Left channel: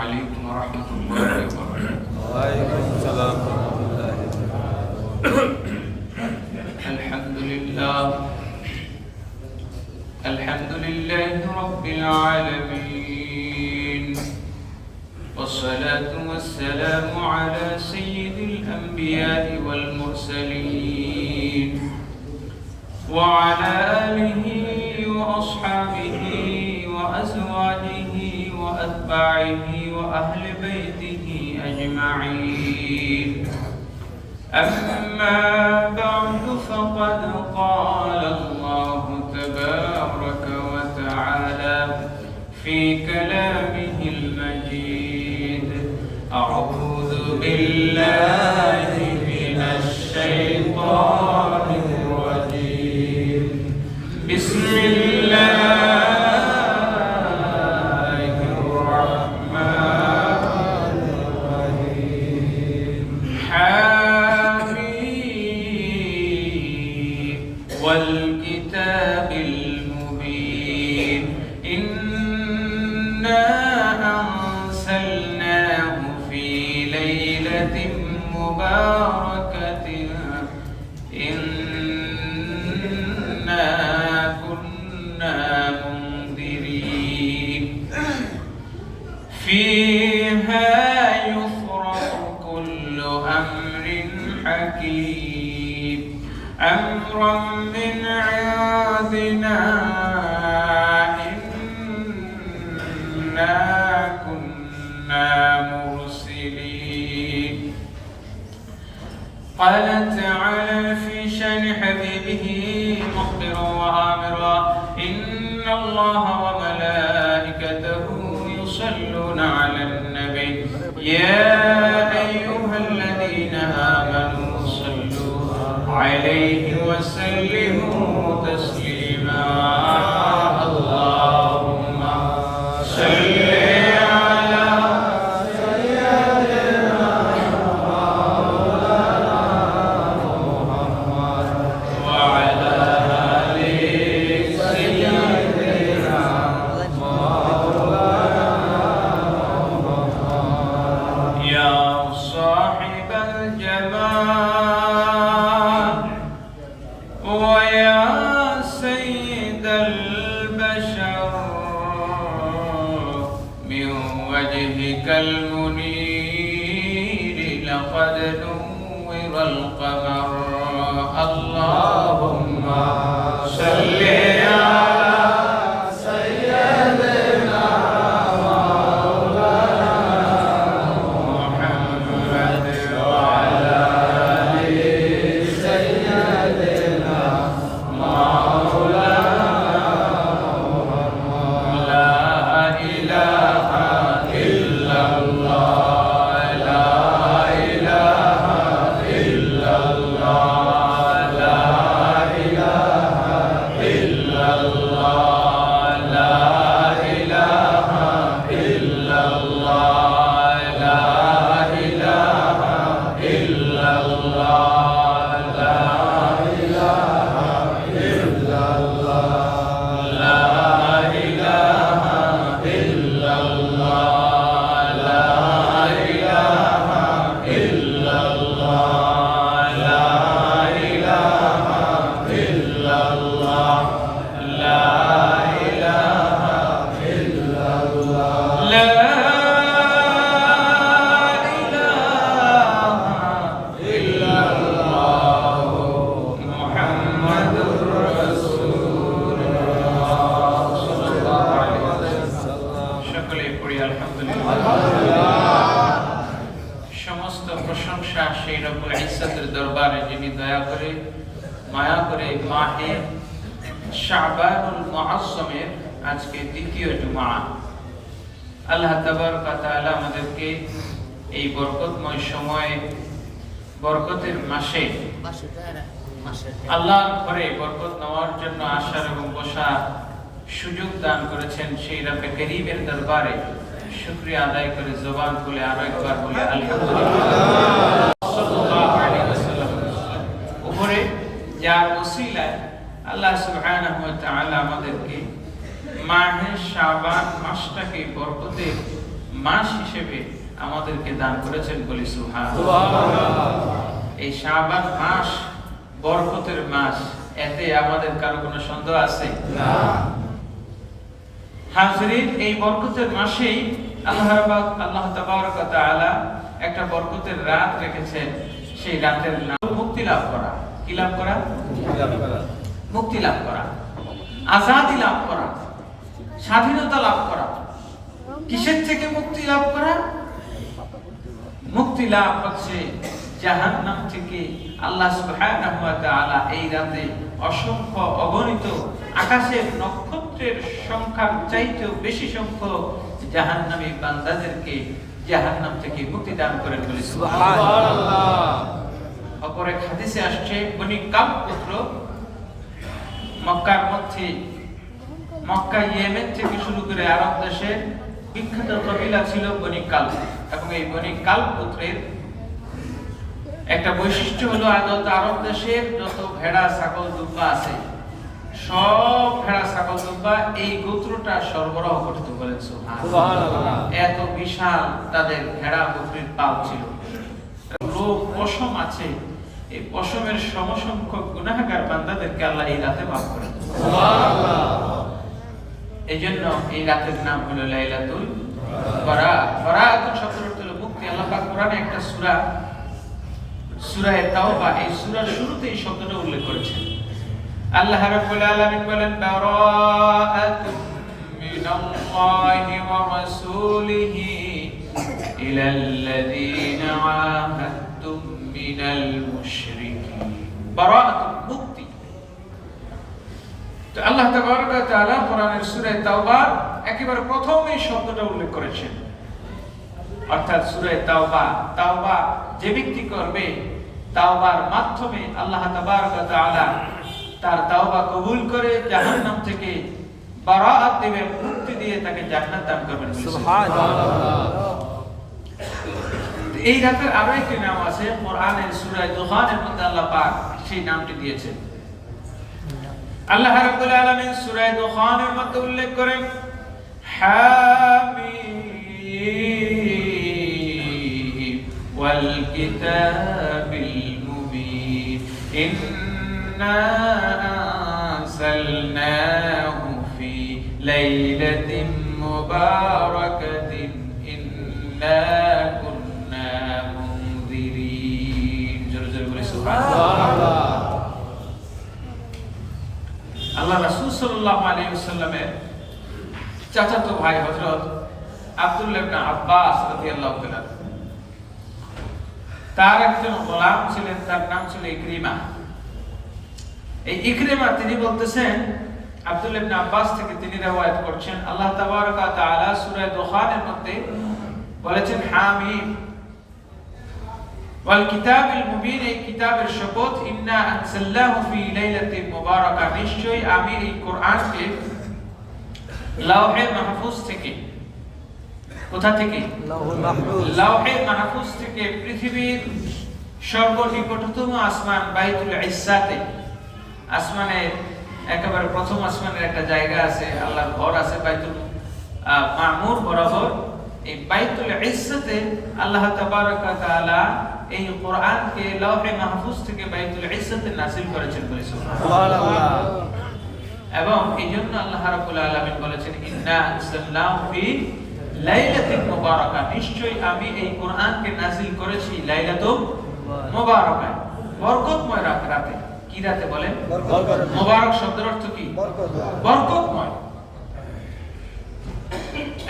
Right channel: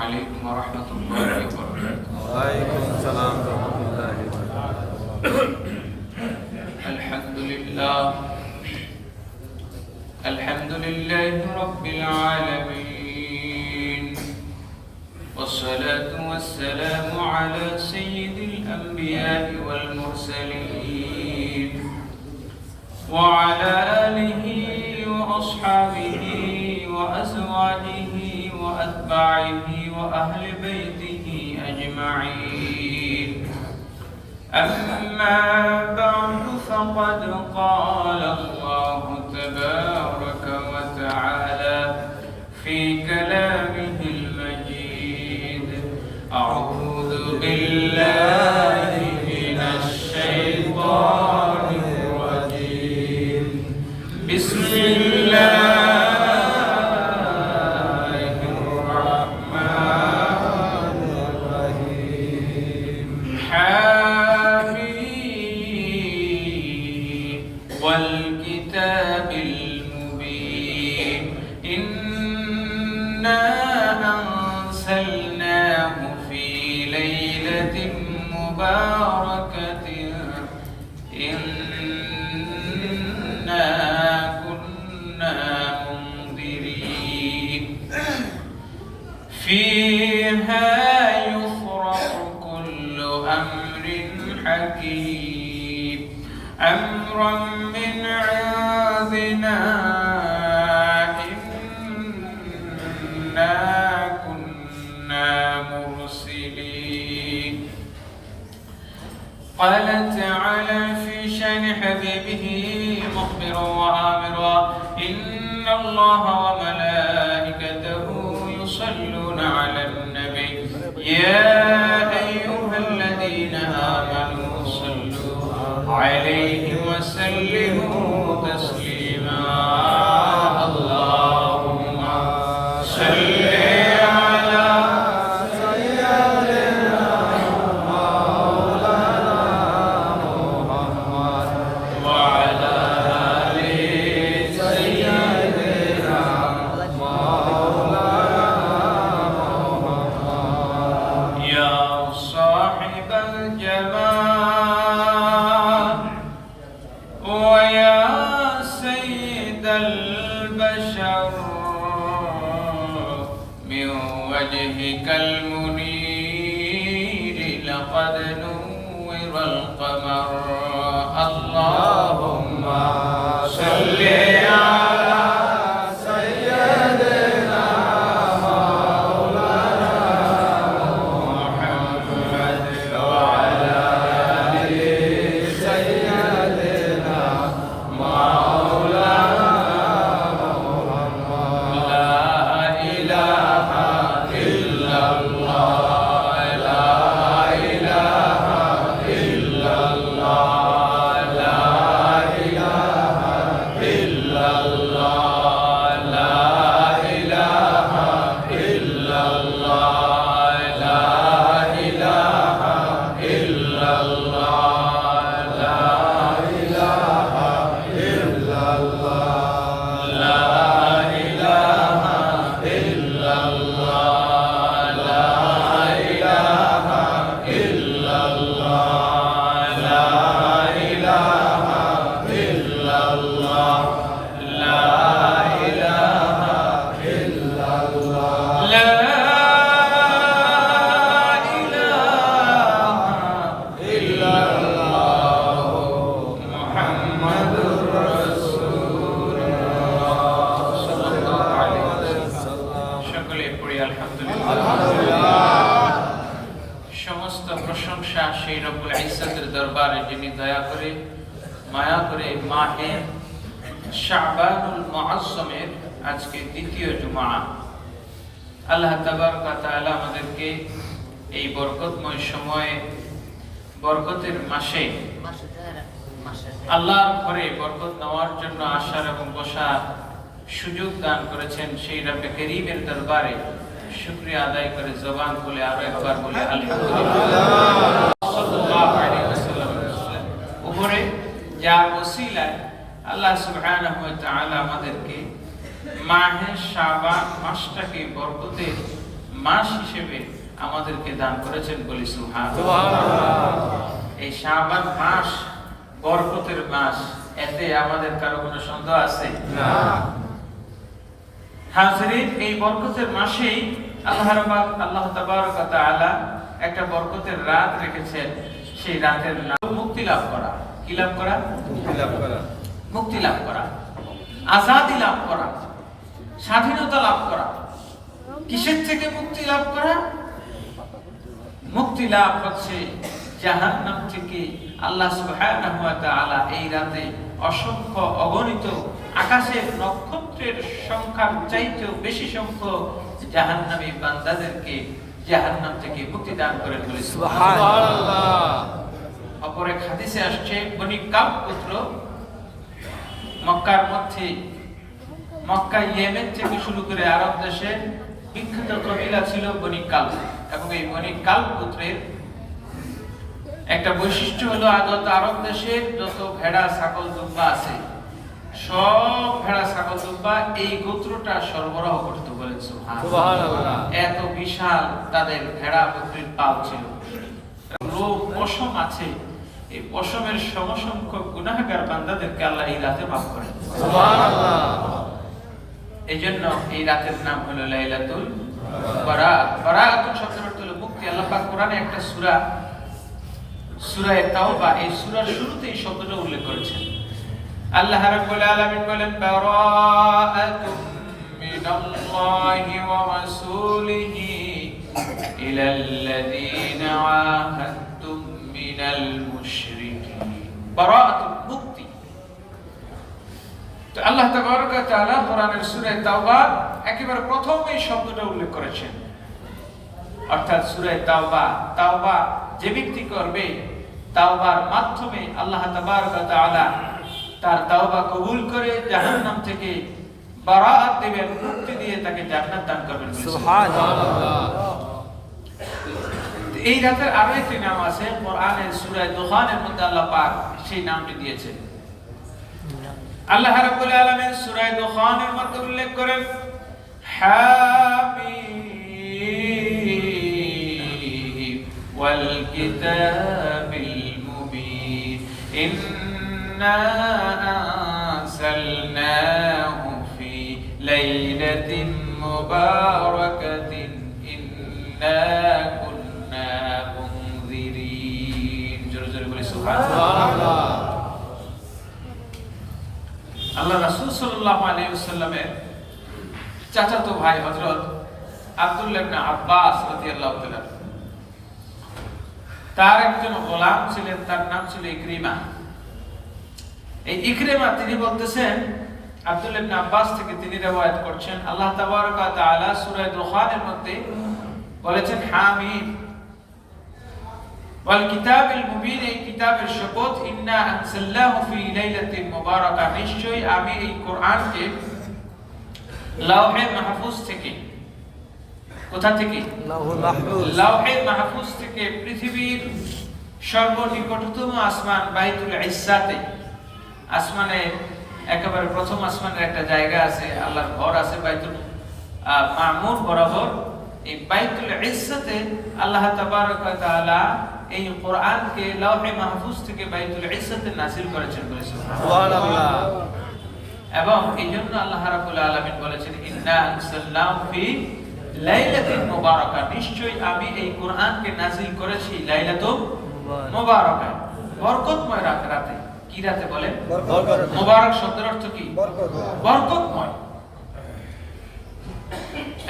عليكم ورحمة الله وبركاته. وعليكم السلام ورحمة الله وبركاته. الحمد لله رب العالمين، والصلاة والسلام على سيد الأنبياء والمرسلين وعلى آله وأصحابه وأزواجه وأتباعه وأهل بيته أجمعين. أما بعد فقد قال الله تبارك وتعالى في كلامه المجيد: أعوذ بالله من الشيطان الرجيم. بسم الله والكتاب المبين، إنا أنزلناه في ليلة مباركة إنا كنا منذرين فيها يفرق كل أمر حكيم أمرا من عندنا إنا كنا مرسلين. قال تعالى في شأن حبيبه مخبرا وآمرا: إن الله وملائكته يصلون على النبي يا أيها الذين آمنوا صلوا عليه وسلموا تسليما. اللهم صل على سيدنا محمد وعلى آل سيدنا محمد. يا صاحب الجمال ويا سيد البشر، من وجهك المنير لقد نور القمر. اللهم صل على سيدنا مولانا محمد وعلى آل سيدنا مولانا محمد. لا إله إلا الله، لا إله إلا الله، لا إله إلا الله، لا إله إلا الله، لا إله إلا الله، لا إله إلا الله، لا إله إلا الله، لا إله إلا الله، لا إله إلا الله، لا إله إلا الله، لا إله إلا الله محمد رسول الله صلى الله عليه وسلم। সকলে পড়ি আলহামদুলিল্লাহ। সমস্ত প্রশংসা সেই রব্বুল ইজ্জতের দরবারে যিনি দয়া করে মায়া করে মাহে শাবানুল মুআজ্জমের আজকে দ্বিতীয় জুমা। আল্লাহ তাবারক ওয়া তাআলা আমাদেরকে এই বরকতময় সময়ে বরকতের মাসে আল্লাহর ঘরে বরকত নেওয়ার জন্য আসার এবং বসার সুযোগ দান করেছেন। সেই রব্বে করিমের দরবারে শুকরিয়া আদায় করে জবান খুলে আরো একবার বলে আলহামদুলিল্লাহ। সাল্লাল্লাহু আলাইহি ওয়াসাল্লাম উপরে যার ওসিলায় আল্লাহ সুবহানাহু ওয়া তাআলা আমাদেরকে মাহে শাবান মাসটাকে বরকতের মাস হিসেবে আমাদেরকে দান করেছেন, বলি সুবহানাল্লাহ। এই শাবান মাস বরকতের মাস, এতে আমাদের কারো কোনো সন্দেহ আছে? না। হাজরিন, এই বরকতের মাসেই আল্লাহ তাবারক ওয়া তাআলা একটা বরকতের রাত রেখেছেন। সেই রাতের নাম মুক্তি লাভ করা। কি লাভ করা? মুক্তি লাভ করা, আজাদি লাভ করা, স্বাধীনতা লাভ করা। কিসের থেকে মুক্তি লাভ করা? মুক্তি লাভ হচ্ছে জাহান্নাম থেকে। আল্লাহ সুবহানাহু ওয়া তাআলা এই রাতে অসংখ্য অগণিত আকাশের নক্ষত্রের সংখ্যার চাইতেও বেশি সংখ্যক জাহান্নামী বান্দাদেরকে জাহান্নাম থেকে মুক্তি দান করে বলে সুবহানাল্লাহ। অপর এক হাদিসে আসছে, বনি কাব পুত্র মক্কার মধ্যে, মক্কা ইয়েমেন থেকে শুরু করে আরব দেশের বিখ্যাত কবিলা ছিল বনি কাল। এবং এই বনি কাল পুত্রের একটা বৈশিষ্ট্য হলো আরব দেশের যত ভেড়া ছাগল দুম্বা আছে, সব ভেড়া ছাগল দুম্বা এই গোত্রটা সরবরাহ করতে বলেন সুবহানাল্লাহ। এত বিশাল তাদের ভেড়া বকরির পাল ছিল। লোক পশম আছে, এই পশমের সমসংখ্যক গুনাহগার বান্দাদেরকে আল্লাহ এই রাতে মাফ করেন সুবহানাল্লাহ। এই জন্য এই রাতের নাম হলো লাইলাতুল বারাত। বারাত শব্দের অর্থ হলো মুক্তি। আল্লাহ পাক কোরআনে একটা সূরা, সূরা তাওবা, এই সূরার শুরুতে এই শব্দটা উল্লেখ করেছেন। আল্লাহ রাব্বুল আলামিন বলেন, বারাআতুম মিনাল্লাহি ওয়া রাসূলিহি ইলাল্লাযীনা আহাদতুম মিনাল মুশরিকিন। বারাআতুল মুক্তি। তো আল্লাহ তাবারক ওয়া তাআলা কোরআনের সূরা তাওবা একেবারে প্রথম এই শব্দটা উল্লেখ করেছেন। অর্থাৎ সূরা তাওবা, তাওবা যে ব্যক্তি করবে, তাওবার মাধ্যমে আল্লাহ তাবারক ওয়া তাআলা তার তাওবা কবুল করে জাহান্নাম থেকে বারাআত দিবেন, মুক্তি দিয়ে তাকে জান্নাত দান করবেন সুবহানাল্লাহ। এই রাতের আরো একটি নাম আছে কোরআনের সূরা দুখানের মধ্যে আল্লাহ পাক সেই নামটি দিয়েছেন। আল্লাহ রাব্বুল আলামিন সূরা দুখানের মধ্যে উল্লেখ করেন, হামিম ওয়াল কিতাবিল মুবিন ইন্না আনসালনাহু ফি লাইলাতিন মুবারাকাতিন ইন্না কুন্না মুনজিরিন। জোরে জোরে বলি সুবহানাল্লাহ। আল্লাহ রাসূল সাল্লাল্লাহু আলাইহি ওয়াসাল্লামের চাচাতো ভাই হযরত আব্দুল্লাহ ইবনে আব্বাস রাদিয়াল্লাহু তাআলা, তার একজন গোলাম ছিলেন, তার নাম ছিল ইকরিমা। এই ইকরিমা তিনি বলতেছেন, আব্দুল্লাহ ইবনে আব্বাস থেকে তিনি riwayat করছেন, আল্লাহ তাবারক ওয়া তাআলা সূরা দুখানের মধ্যে বলেছেন, হামিম ওয়াল কিতাবিল মুবিন, এই কিতাবের শপথ, ইন্না আনসালনাহু ফি লাইলাতিন মুবারাকা, নিশ্চয়ই আমি এই কোরআনকে লাওহে মাহফুজ থেকে, কোথা থেকে? লাওহে মাহফুজ থেকে পৃথিবীর সর্বনিকটতম আসমান বাইতুল ইজ্জাতে, আসমানের একেবারে প্রথম আসমানের একটা জায়গা আছে, আল্লাহর ঘর আছে বাইতুল মামুর বরাবর। এই বাইতুল ইজ্জাতে আল্লাহ তাবারক ওয়া তাআলা এই কোরআনকে লাওহে মাহফুজ থেকে বাইতুল ইজ্জাতে নাযিল করেছেন বলে সুবহানাল্লাহ। এবং এইজন্য আল্লাহ রাব্বুল আলামিন বলেছেন, ইন্না আনসালনাহু ফি লাইলাতিন মুবারাকা, নিশ্চয়ই আমি এই কোরআনকে নাযিল করেছি লাইলাতুল মুবারাকা, বরকতময় রাতে। কি রাতে বলেন? মুবারক শব্দের অর্থ কি? বরকতময়।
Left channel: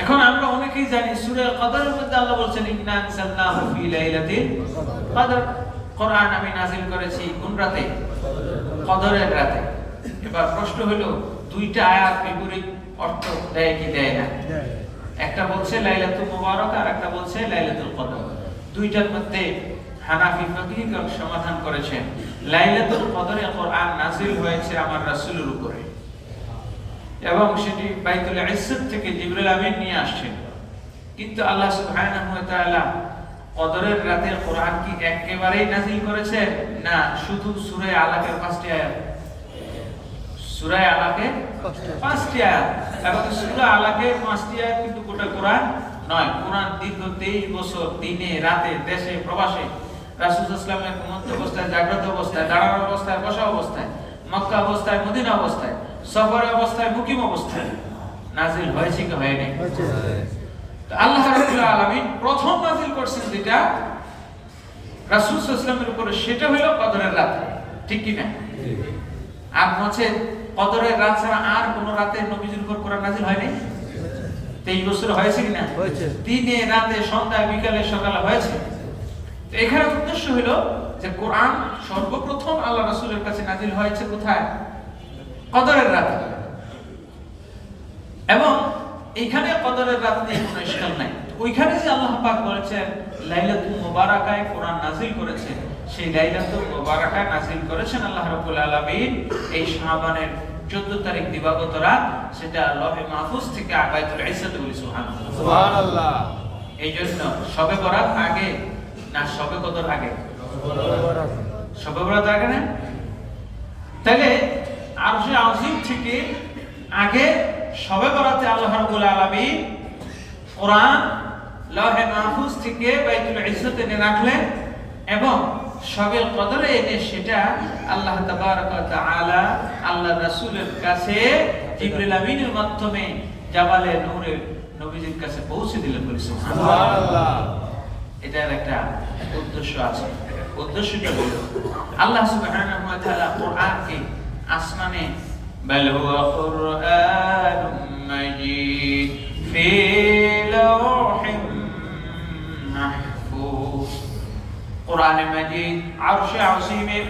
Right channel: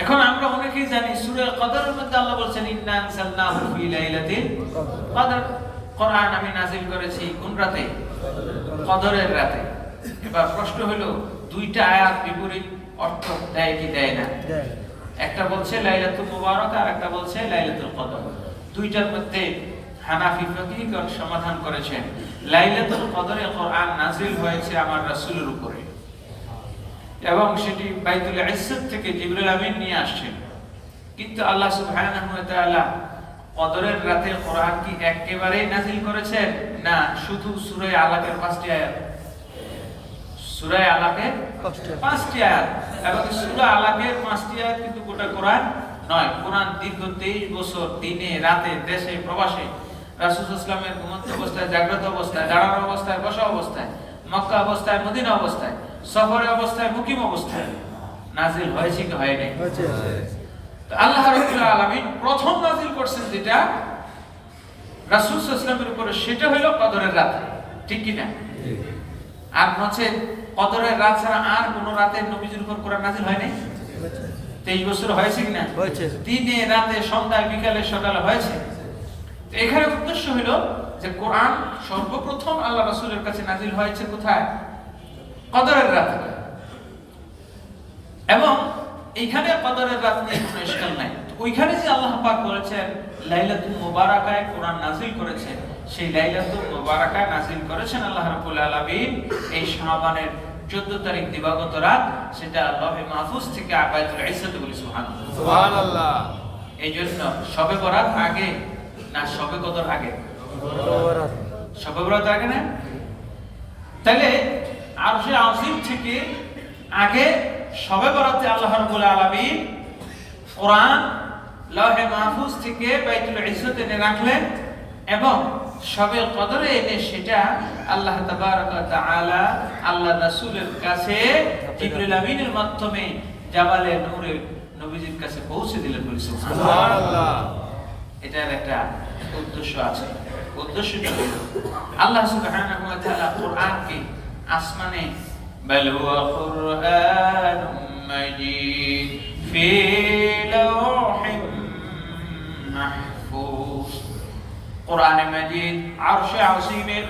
এখন আমরা অনেকেই জানি সূরা কদরের মধ্যে আল্লাহ বলেছেন, ইন্না আনসালনাহু ফি লাইলাতিল কদর, কোরআন আমি নাযিল করেছি কোন রাতে? কদরের রাতে। এবার প্রশ্ন হলো, দুইটা আয়াত বিপরীত অর্থ দেয় কি দেয় না? একটা বলছে লাইলাতুল মুবারাকা আর একটা বলছে লাইলাতুল কদর। দুইটার মধ্যে হানাফি ফকিহগণ সমাধান করেছেন, লাইলাতুল কদরে কোরআন নাযিল হয়েছে আমার রাসূলের উপরে, এবং সেটি বাইতুল ইজ্জত থেকে জিবরিল আমিন নিয়ে আসছেন। কিন্তু আল্লাহ সুবহানাহু ওয়া তাআলা কদরের রাতে কোরআন কি একেবারেই নাযিল করেছেন? না, শুধু সূরা আলাকের 5টি আয়াত, সূরা আলাকের 5টি আয়াত, এবং সূরা আলাকের 5টি আয়াত কিন্তু গোটা কোরআন নয়, কোরআন দীর্ঘ 23 বছর দিনে রাতে দেশে প্রবাসে রাসূল সাল্লাল্লাহু আলাইহি ওয়াসাল্লামের ঘুমন্ত অবস্থায়, জাগ্রত অবস্থায়, দাঁড়ানো অবস্থায়, বসা অবস্থায়, মক্কা অবস্থায়, মদিনা অবস্থায়, সফর অবস্থায়, মুকিম অবস্থায় নাজিল হয়েছে কি হয় নাই? আল্লাহ রাব্বুল আলামিন প্রথম নাজিল করছেন যেটা রাসূল সাল্লাল্লাহু আলাইহি ওয়াসাল্লামের উপরে, সেটা হলো কদরের রাত, ঠিক কি না? আর হচ্ছে কদরের রাত ছাড়া আর কোন রাতে নবীজির উপর কোরআন নাজিল হয় নাই। 23 বছর হয়েছে কি না? দিনে রাতে সন্ধ্যায় বিকালে সকালে হয়েছে। তো এখানে উদ্দেশ্য হলো যে কোরআন সর্বপ্রথম আল্লাহ রাসূলের কাছে নাজিল হয়েছে কোথায়? কদরের রাতে। এবং এখানে কদরের রাত নিয়ে কোনো ইশকাল নাই। ওইখানে যে আল্লাহ পাক বলেছেন লাইলাতুল মুবারাকায় কোরআন নাজিল করেছেন, সেই লাইলাতুল মুবারাকায় নাজিল করেছেন আল্লাহ রাব্বুল আলামিন এই শাবানের 14 তারিখ দিবাগত রাত, সেটা লৌহে মাহফুজ থেকে বাইতুল ইজ্জত বলি সুবহানাল্লাহ। সুবহানাল্লাহ। এই জন্য শবে বরাত আগে না শবে কদর আগে? শবে বরাত আগে না? তাহলে আরশে আজিম থেকে আগে শবে বরাতে আল্লাহ রাব্বুল আলামিন কোরআন লৌহে মাহফুজ থেকে বাইতুল ইজ্জতে এনে রাখলেন এবং শবে কদরে এনে সেটা আল্লাহ তাবারক ওয়া তাআলা আল্লাহ রাসূলের কাছে জিবরিল আমিনের মাধ্যমে জাবালে নূরে নবীজির কাছে পৌঁছে দিলেন বলি সুবহানাল্লাহ। এটার একটা উদ্দেশ্য আছে। উদ্দেশ্যটা হলো আল্লাহ সুবহানাহু ওয়া তাআলা কোরআনকে আসমানে বাল হুয়া কুরআনুম মাজিদ ফি লাওহিম মাহফুজ, কোরআনে মাজিদ আরশে আজিমের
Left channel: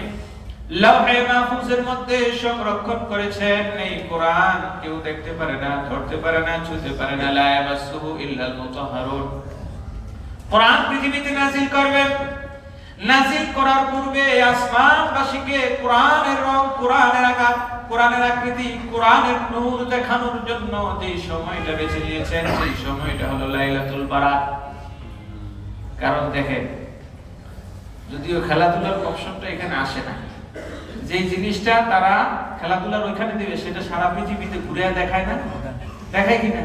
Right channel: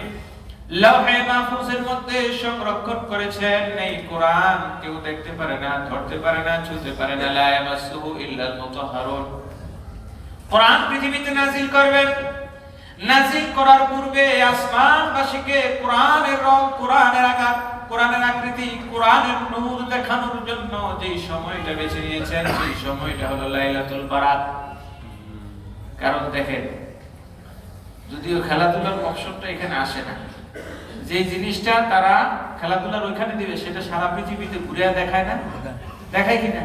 লৌহে মাহফুজের মধ্যে সংরক্ষণ করেছেন। এই কোরআন কেউ দেখতে পারে না, ধরতে পারে না, ছুঁতে পারে না। লা ইয়ামাসসুহু ইল্লাল মুতাহহারুন। কোরআন পৃথিবীতে নাজিল করবেন। নাজিল করার পূর্বে আসমানবাসীকে কোরআনের রং, কোরআনের আকার, কোরআনের আকৃতি, কোরআনের নূর দেখানোর জন্য যে সময়টা বেছে নিয়েছেন, সেই সময়টা হলো লাইলাতুল বারাত। কারণ দেখেন, যদিও খেলাধুলার মকসদটা এখানে আসে না, যে জিনিসটা তারা খেলাধুলার ওইখানে দিবে সেটা সারা পৃথিবীতে ঘুরে দেখায় না, দেখায় কিনা?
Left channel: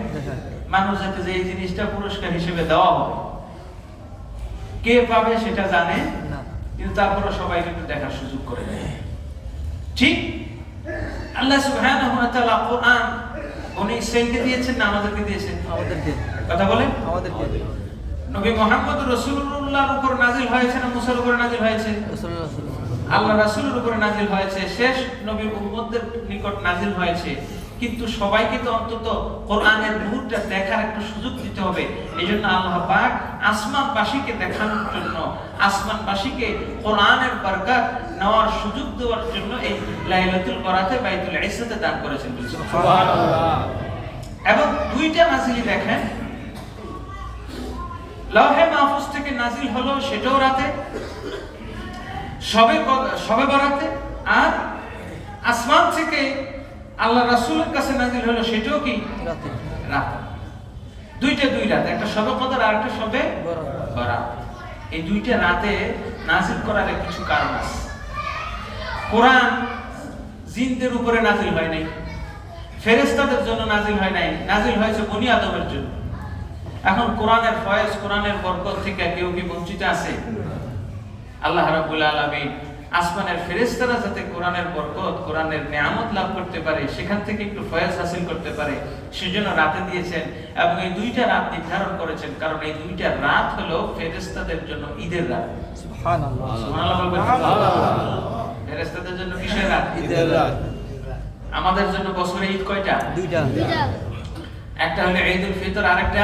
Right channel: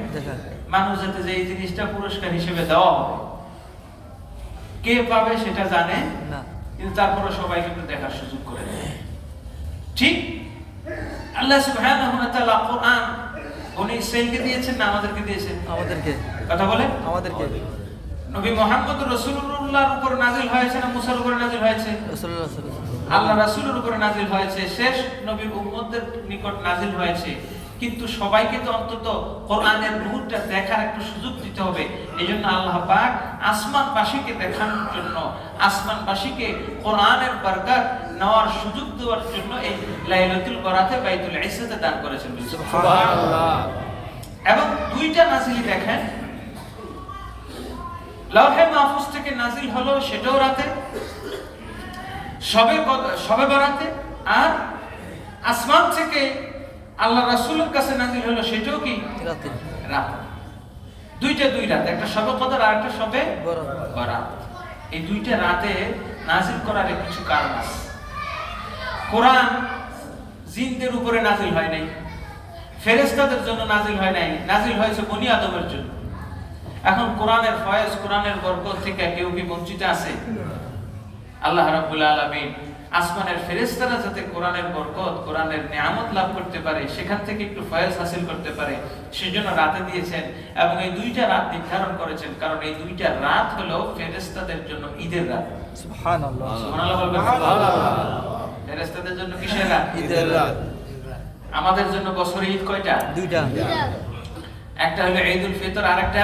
মানুষ যাতে যে এই জিনিসটা পুরস্কার হিসেবে দেওয়া হবে, কে পাবে সেটা জানে, কিন্তু তারপরে সবাই কিন্তু দেখার সুযোগ করে দেয়। ঠিক আল্লাহ সুবহানাহু ওয়া তাআলা কোরআন বনি ইসরাঈলকে দিয়েছেন না আমাদেরকে দিয়েছেন? আমাদেরকে। কথা বলেন, আমাদেরকে। নবী মুহাম্মদ রাসূলুল্লাহর উপর নাজিল হয়েছে না মুসার উপর নাজিল হয়েছে? আল্লাহ রাসূলের উপর নাজিল হয়েছে, শেষ নবীর উম্মতদের নিকট নাজিল হয়েছে। কিন্তু সবাইকে তো অন্তত কোরআনের নূরটা দেখার একটু সুযোগ দিতে হবে। এইজন্য আল্লাহ পাক আসমানবাসীকে দেখানোর জন্য, আসমানবাসীকে কোরআনের বরকত নেওয়ার সুযোগ দেওয়ার জন্য এই লাইলাতুল বারাতে বাইতুল ইজ্জতে দান করেছেন। সুবহানাল্লাহ। এবং দুইটা নাজিল দেখেন, লৌহে মাহফুজ থেকে নাজিল হলো সেটাও রাতে, শবে বরাতে, আর আসমান থেকে আল্লাহ রাসূলের কাছে নাজিল হলো সেটাও কি রাতে। রাতে দুইটা, দুই রাত, একটা শবে কদর আর একটা শবে বরাত। এই দুইটা রাতে নাজিল করার কিছু কারণ আছে। কোরআন জিনদের উপরে নাজিল হয় নাই, ফেরেশতাদের জন্য নাজিল হয় নাই, নাজিল হয়েছে বনি আদমের জন্য। এখন কোরআনের ফয়েজ, কোরআনের বরকত থেকে কেউ কি বঞ্চিত আছে? আল্লাহ রাব্বুল আলামিন আসমানের ফেরেশতারা যাতে কোরআনের বরকত, কোরআনের নিয়ামত লাভ করতে পারে, সেখান থেকে একটু ফয়েজ হাসিল করতে পারে, সেজন্য রাতে দিয়েছেন। এবং এই দুইটা রাত নির্ধারণ করেছেন, কারণ এই দুইটা রাত হলো ফেরেশতাদের জন্য ঈদের রাত। সুবহানাল্লাহ। সুবহানাল্লাহ বলবেন। ফেরেশতাদের জন্য কিসের রাত? ঈদের রাত। আমাদের জন্য বছরে ঈদ কয়টা? দুইটা। একটা হলো ঈদুল ফিতর, আর একটা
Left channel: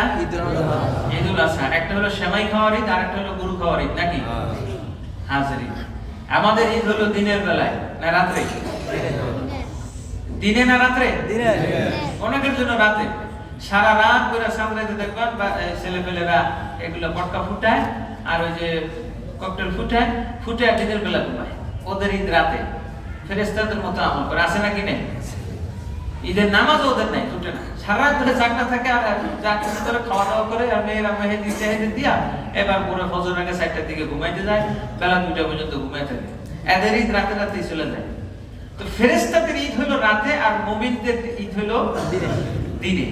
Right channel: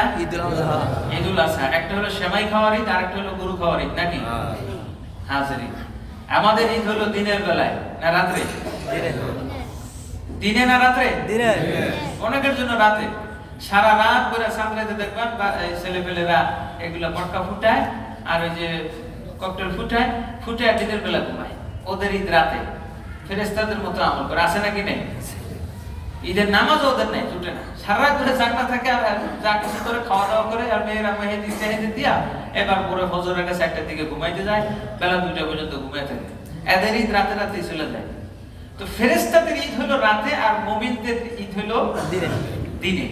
ঈদুল আযহা। একটা হলো সেমাই খাওয়ার ঈদ, আর একটা হলো গরু খাওয়ার ঈদ, নাকি? হাজিরিন, আমাদের ঈদ হলো দিনের বেলায় না রাতে? দিনে না রাতে? দিনে। অনেকের জন্য রাতে। সারা রাত পুরো সামনেতে দেখবেন ছেলেপেলেরা এগুলো পটকা ফুটায় আর ওই যে ককটেল ফুটায়, ফুটায় দিনের বেলা ঘুমায়। ওদের ঈদ রাতে। ফেরেশতাদের মতো আমল করে, আছে নাকি নেই? ঈদের নামাজ ওদের নাই, টুটে না। সারা রাত ধরে জাগনা থাকে আর জাগনা করে খাওয়া দাওয়া করে আর মেয়েরা মেহেদি চেহেদি দিয়া এবার পরে ফজর আগে 4টার দিকে ঘুমাইতে যায়, বেলা 2টা পর্যন্ত ঘুমাই থাকে। এদের ঈদ রাতে রাতেই চলে যায়। তো ফেরেশতাদের ঈদ হলো রাতে আর মুমিনদের ঈদ হলো দিনে।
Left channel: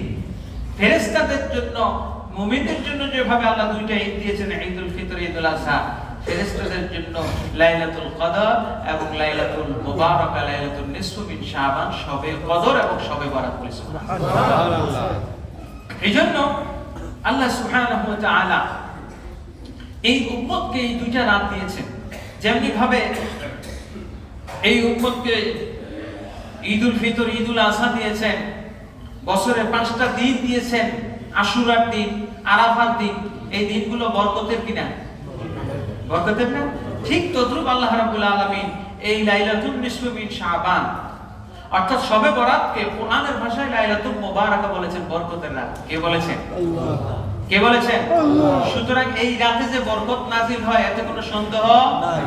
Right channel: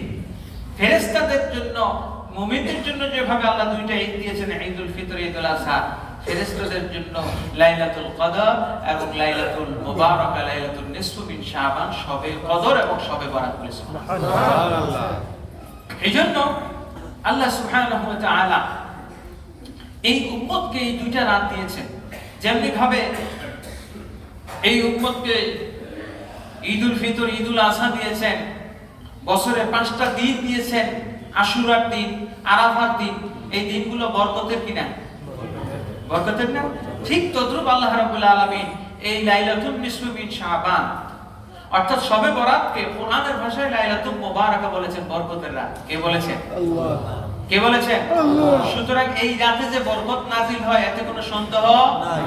ফেরেশতাদের জন্য মুমিনদের জন্য যেভাবে আল্লাহ দুইটা ঈদ দিয়েছেন, ঈদুল ফিতর, ঈদুল আযহা, ফেরেশতাদের জন্য লাইলাতুল কদর এবং লাইলাতুল মুবারাকা, লাইলাতুল নিসফু মিন শাবান, শবে কদর এবং শবে বরাত বলে সুবহানাল্লাহ। এইজন্য আল্লাহ সুবহানাহু ওয়া তাআলা এই উম্মতকে এই দুইটা রাত দিয়েছেন। যেমনি ভাবে এই উম্মতকে ঈদুল ফিতর, ঈদুল আযহা দিয়েছেন, বছরের 5টা দিন দিয়েছেন, আশুরার দিন, আরাফার দিন, এই দিনগুলো বরকতের কিনা? বরকতের না? ঠিক তদ্রূপ আল্লাহ রাব্বুল আলামিন এই লাইলাতুল নিসফু মিন শাবান অর্থাৎ শবে বরাতকে কোরআনের ভাষায় লাইলাতুল মুবারাকা বলেছেন, বরকতের রাত। কে বলেছেন? আল্লাহ। কে বলেছেন? আল্লাহ। সুতরাং এই রাতে যে বরকত নাযিল হয় এতে কোনো সন্দেহ নাই।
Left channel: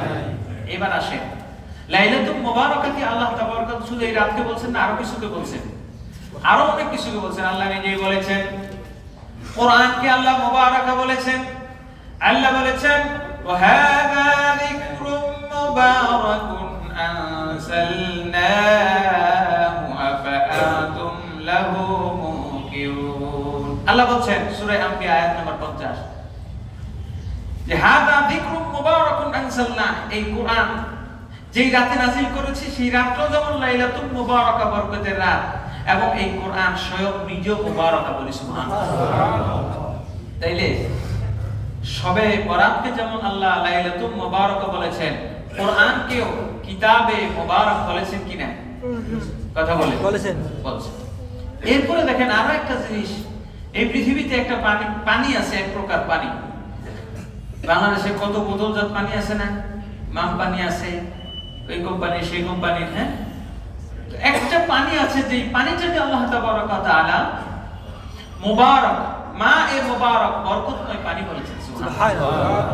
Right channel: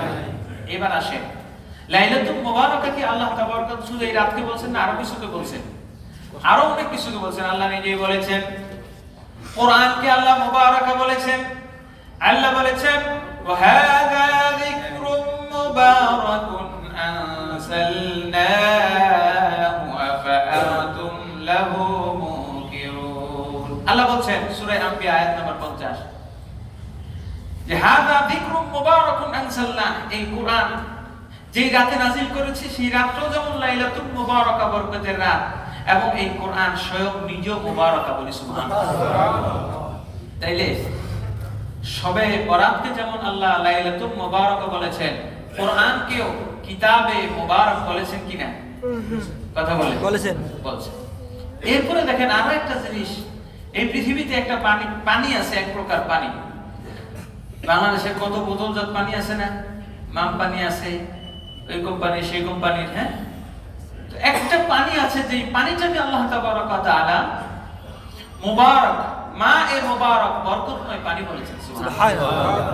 এবার আসেন, লাইলাতুল মুবারাকা কি আল্লাহ তাবারক ওয়া তাআলা শুধু এই রাতকে বলছেন না, আরো কিছুকে বলছেন? আরো অনেক কিছুকে বলছেন। আল্লাহ নিজেই বলেছেন, কোরআনকে আল্লাহ মুবারাকা বলেছেন। আল্লাহ বলেছেন, ওয়া হাযা যিকরুম মুবারাকুন আনসালনাহু আফআনতুম লাহু মুনকিরুন। আল্লাহ বলেন সূরা আম্বিয়া আয়াত নম্বর 50 যে হাযা যিকরুম মুবারাকুন আনসালনা, এই কোরআন যেই রাতে নাযিল করেছি সেই রাতটা যেমন লাইলাতুল মুবারাকা, বরকতের রাত, এবং এই কোরআন স্বয়ং নিজেও মুবারাকা বলি সুবহানাল্লাহ। তাইলে শবে বরাতকে যেমন আল্লাহ লাইলাতুল মুবারাকা বলেছেন, কোরআনকেও কিতাবে মুবারক বলেছেন কিনা? কথা বলেছেন। এরপরে দেখেন আরো একটা জিনিস, এই পৃথিবীতে একটা পানি আছে, এক প্রকার পানি। বাংলাদেশে কত বোতলজাত পানি আছে না? মাম পানি আছে, ওই কোম্পানি সেই কোম্পানির, হ্যাঁ। একটা পানি আছে যে পানিটা যে আল্লাহ তাবারক ওয়া তাআলা মুবারক, মা-এ মুবারক, বরকতময় পানি বলেছেন সুবহানাল্লাহ।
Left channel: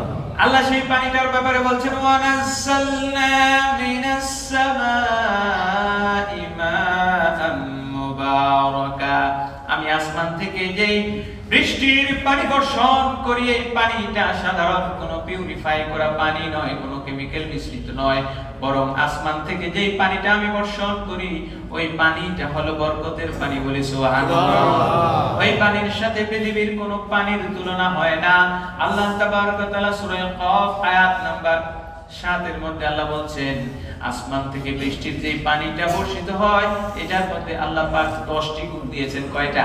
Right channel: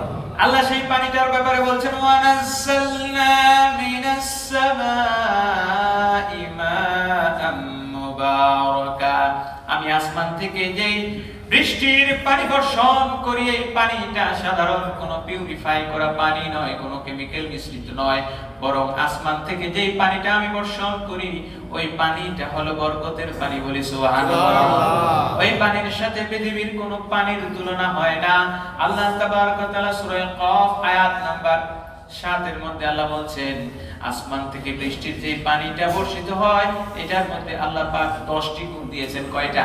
আল্লাহ সেই পানিটার ব্যাপারে বলছেন, ওয়া নাযালনা মিনাস সামাই মাআন মুবারাকা, আমি আসমান থেকে যেই বৃষ্টির পানি বর্ষণ করি, এই পানিটা সাধারণ কোনো পিউরিফাই করা পানি নয়, কোনো কেমিক্যাল মিশ্রিত নয়, বরং আসমান থেকে যেই পানিটা আমি বর্ষণ করি ওই পানিটা হলো বরকতের পানি বলি সুবহানাল্লাহ। ওই পানির সাথে পৃথিবীর কোনো পানির তুলনা হয় না। আল্লাহ তাবারক ওয়া তাআলা সূরা কফ আয়াত নাম্বার 7 এর মধ্যে আল্লাহ বলছেন, আসমান থেকে বৃষ্টির যে পানিটা বর্ষিত হয় এটার মধ্যে আল্লাহ পাক 10টি গুণ দিয়েছেন। কয়টা?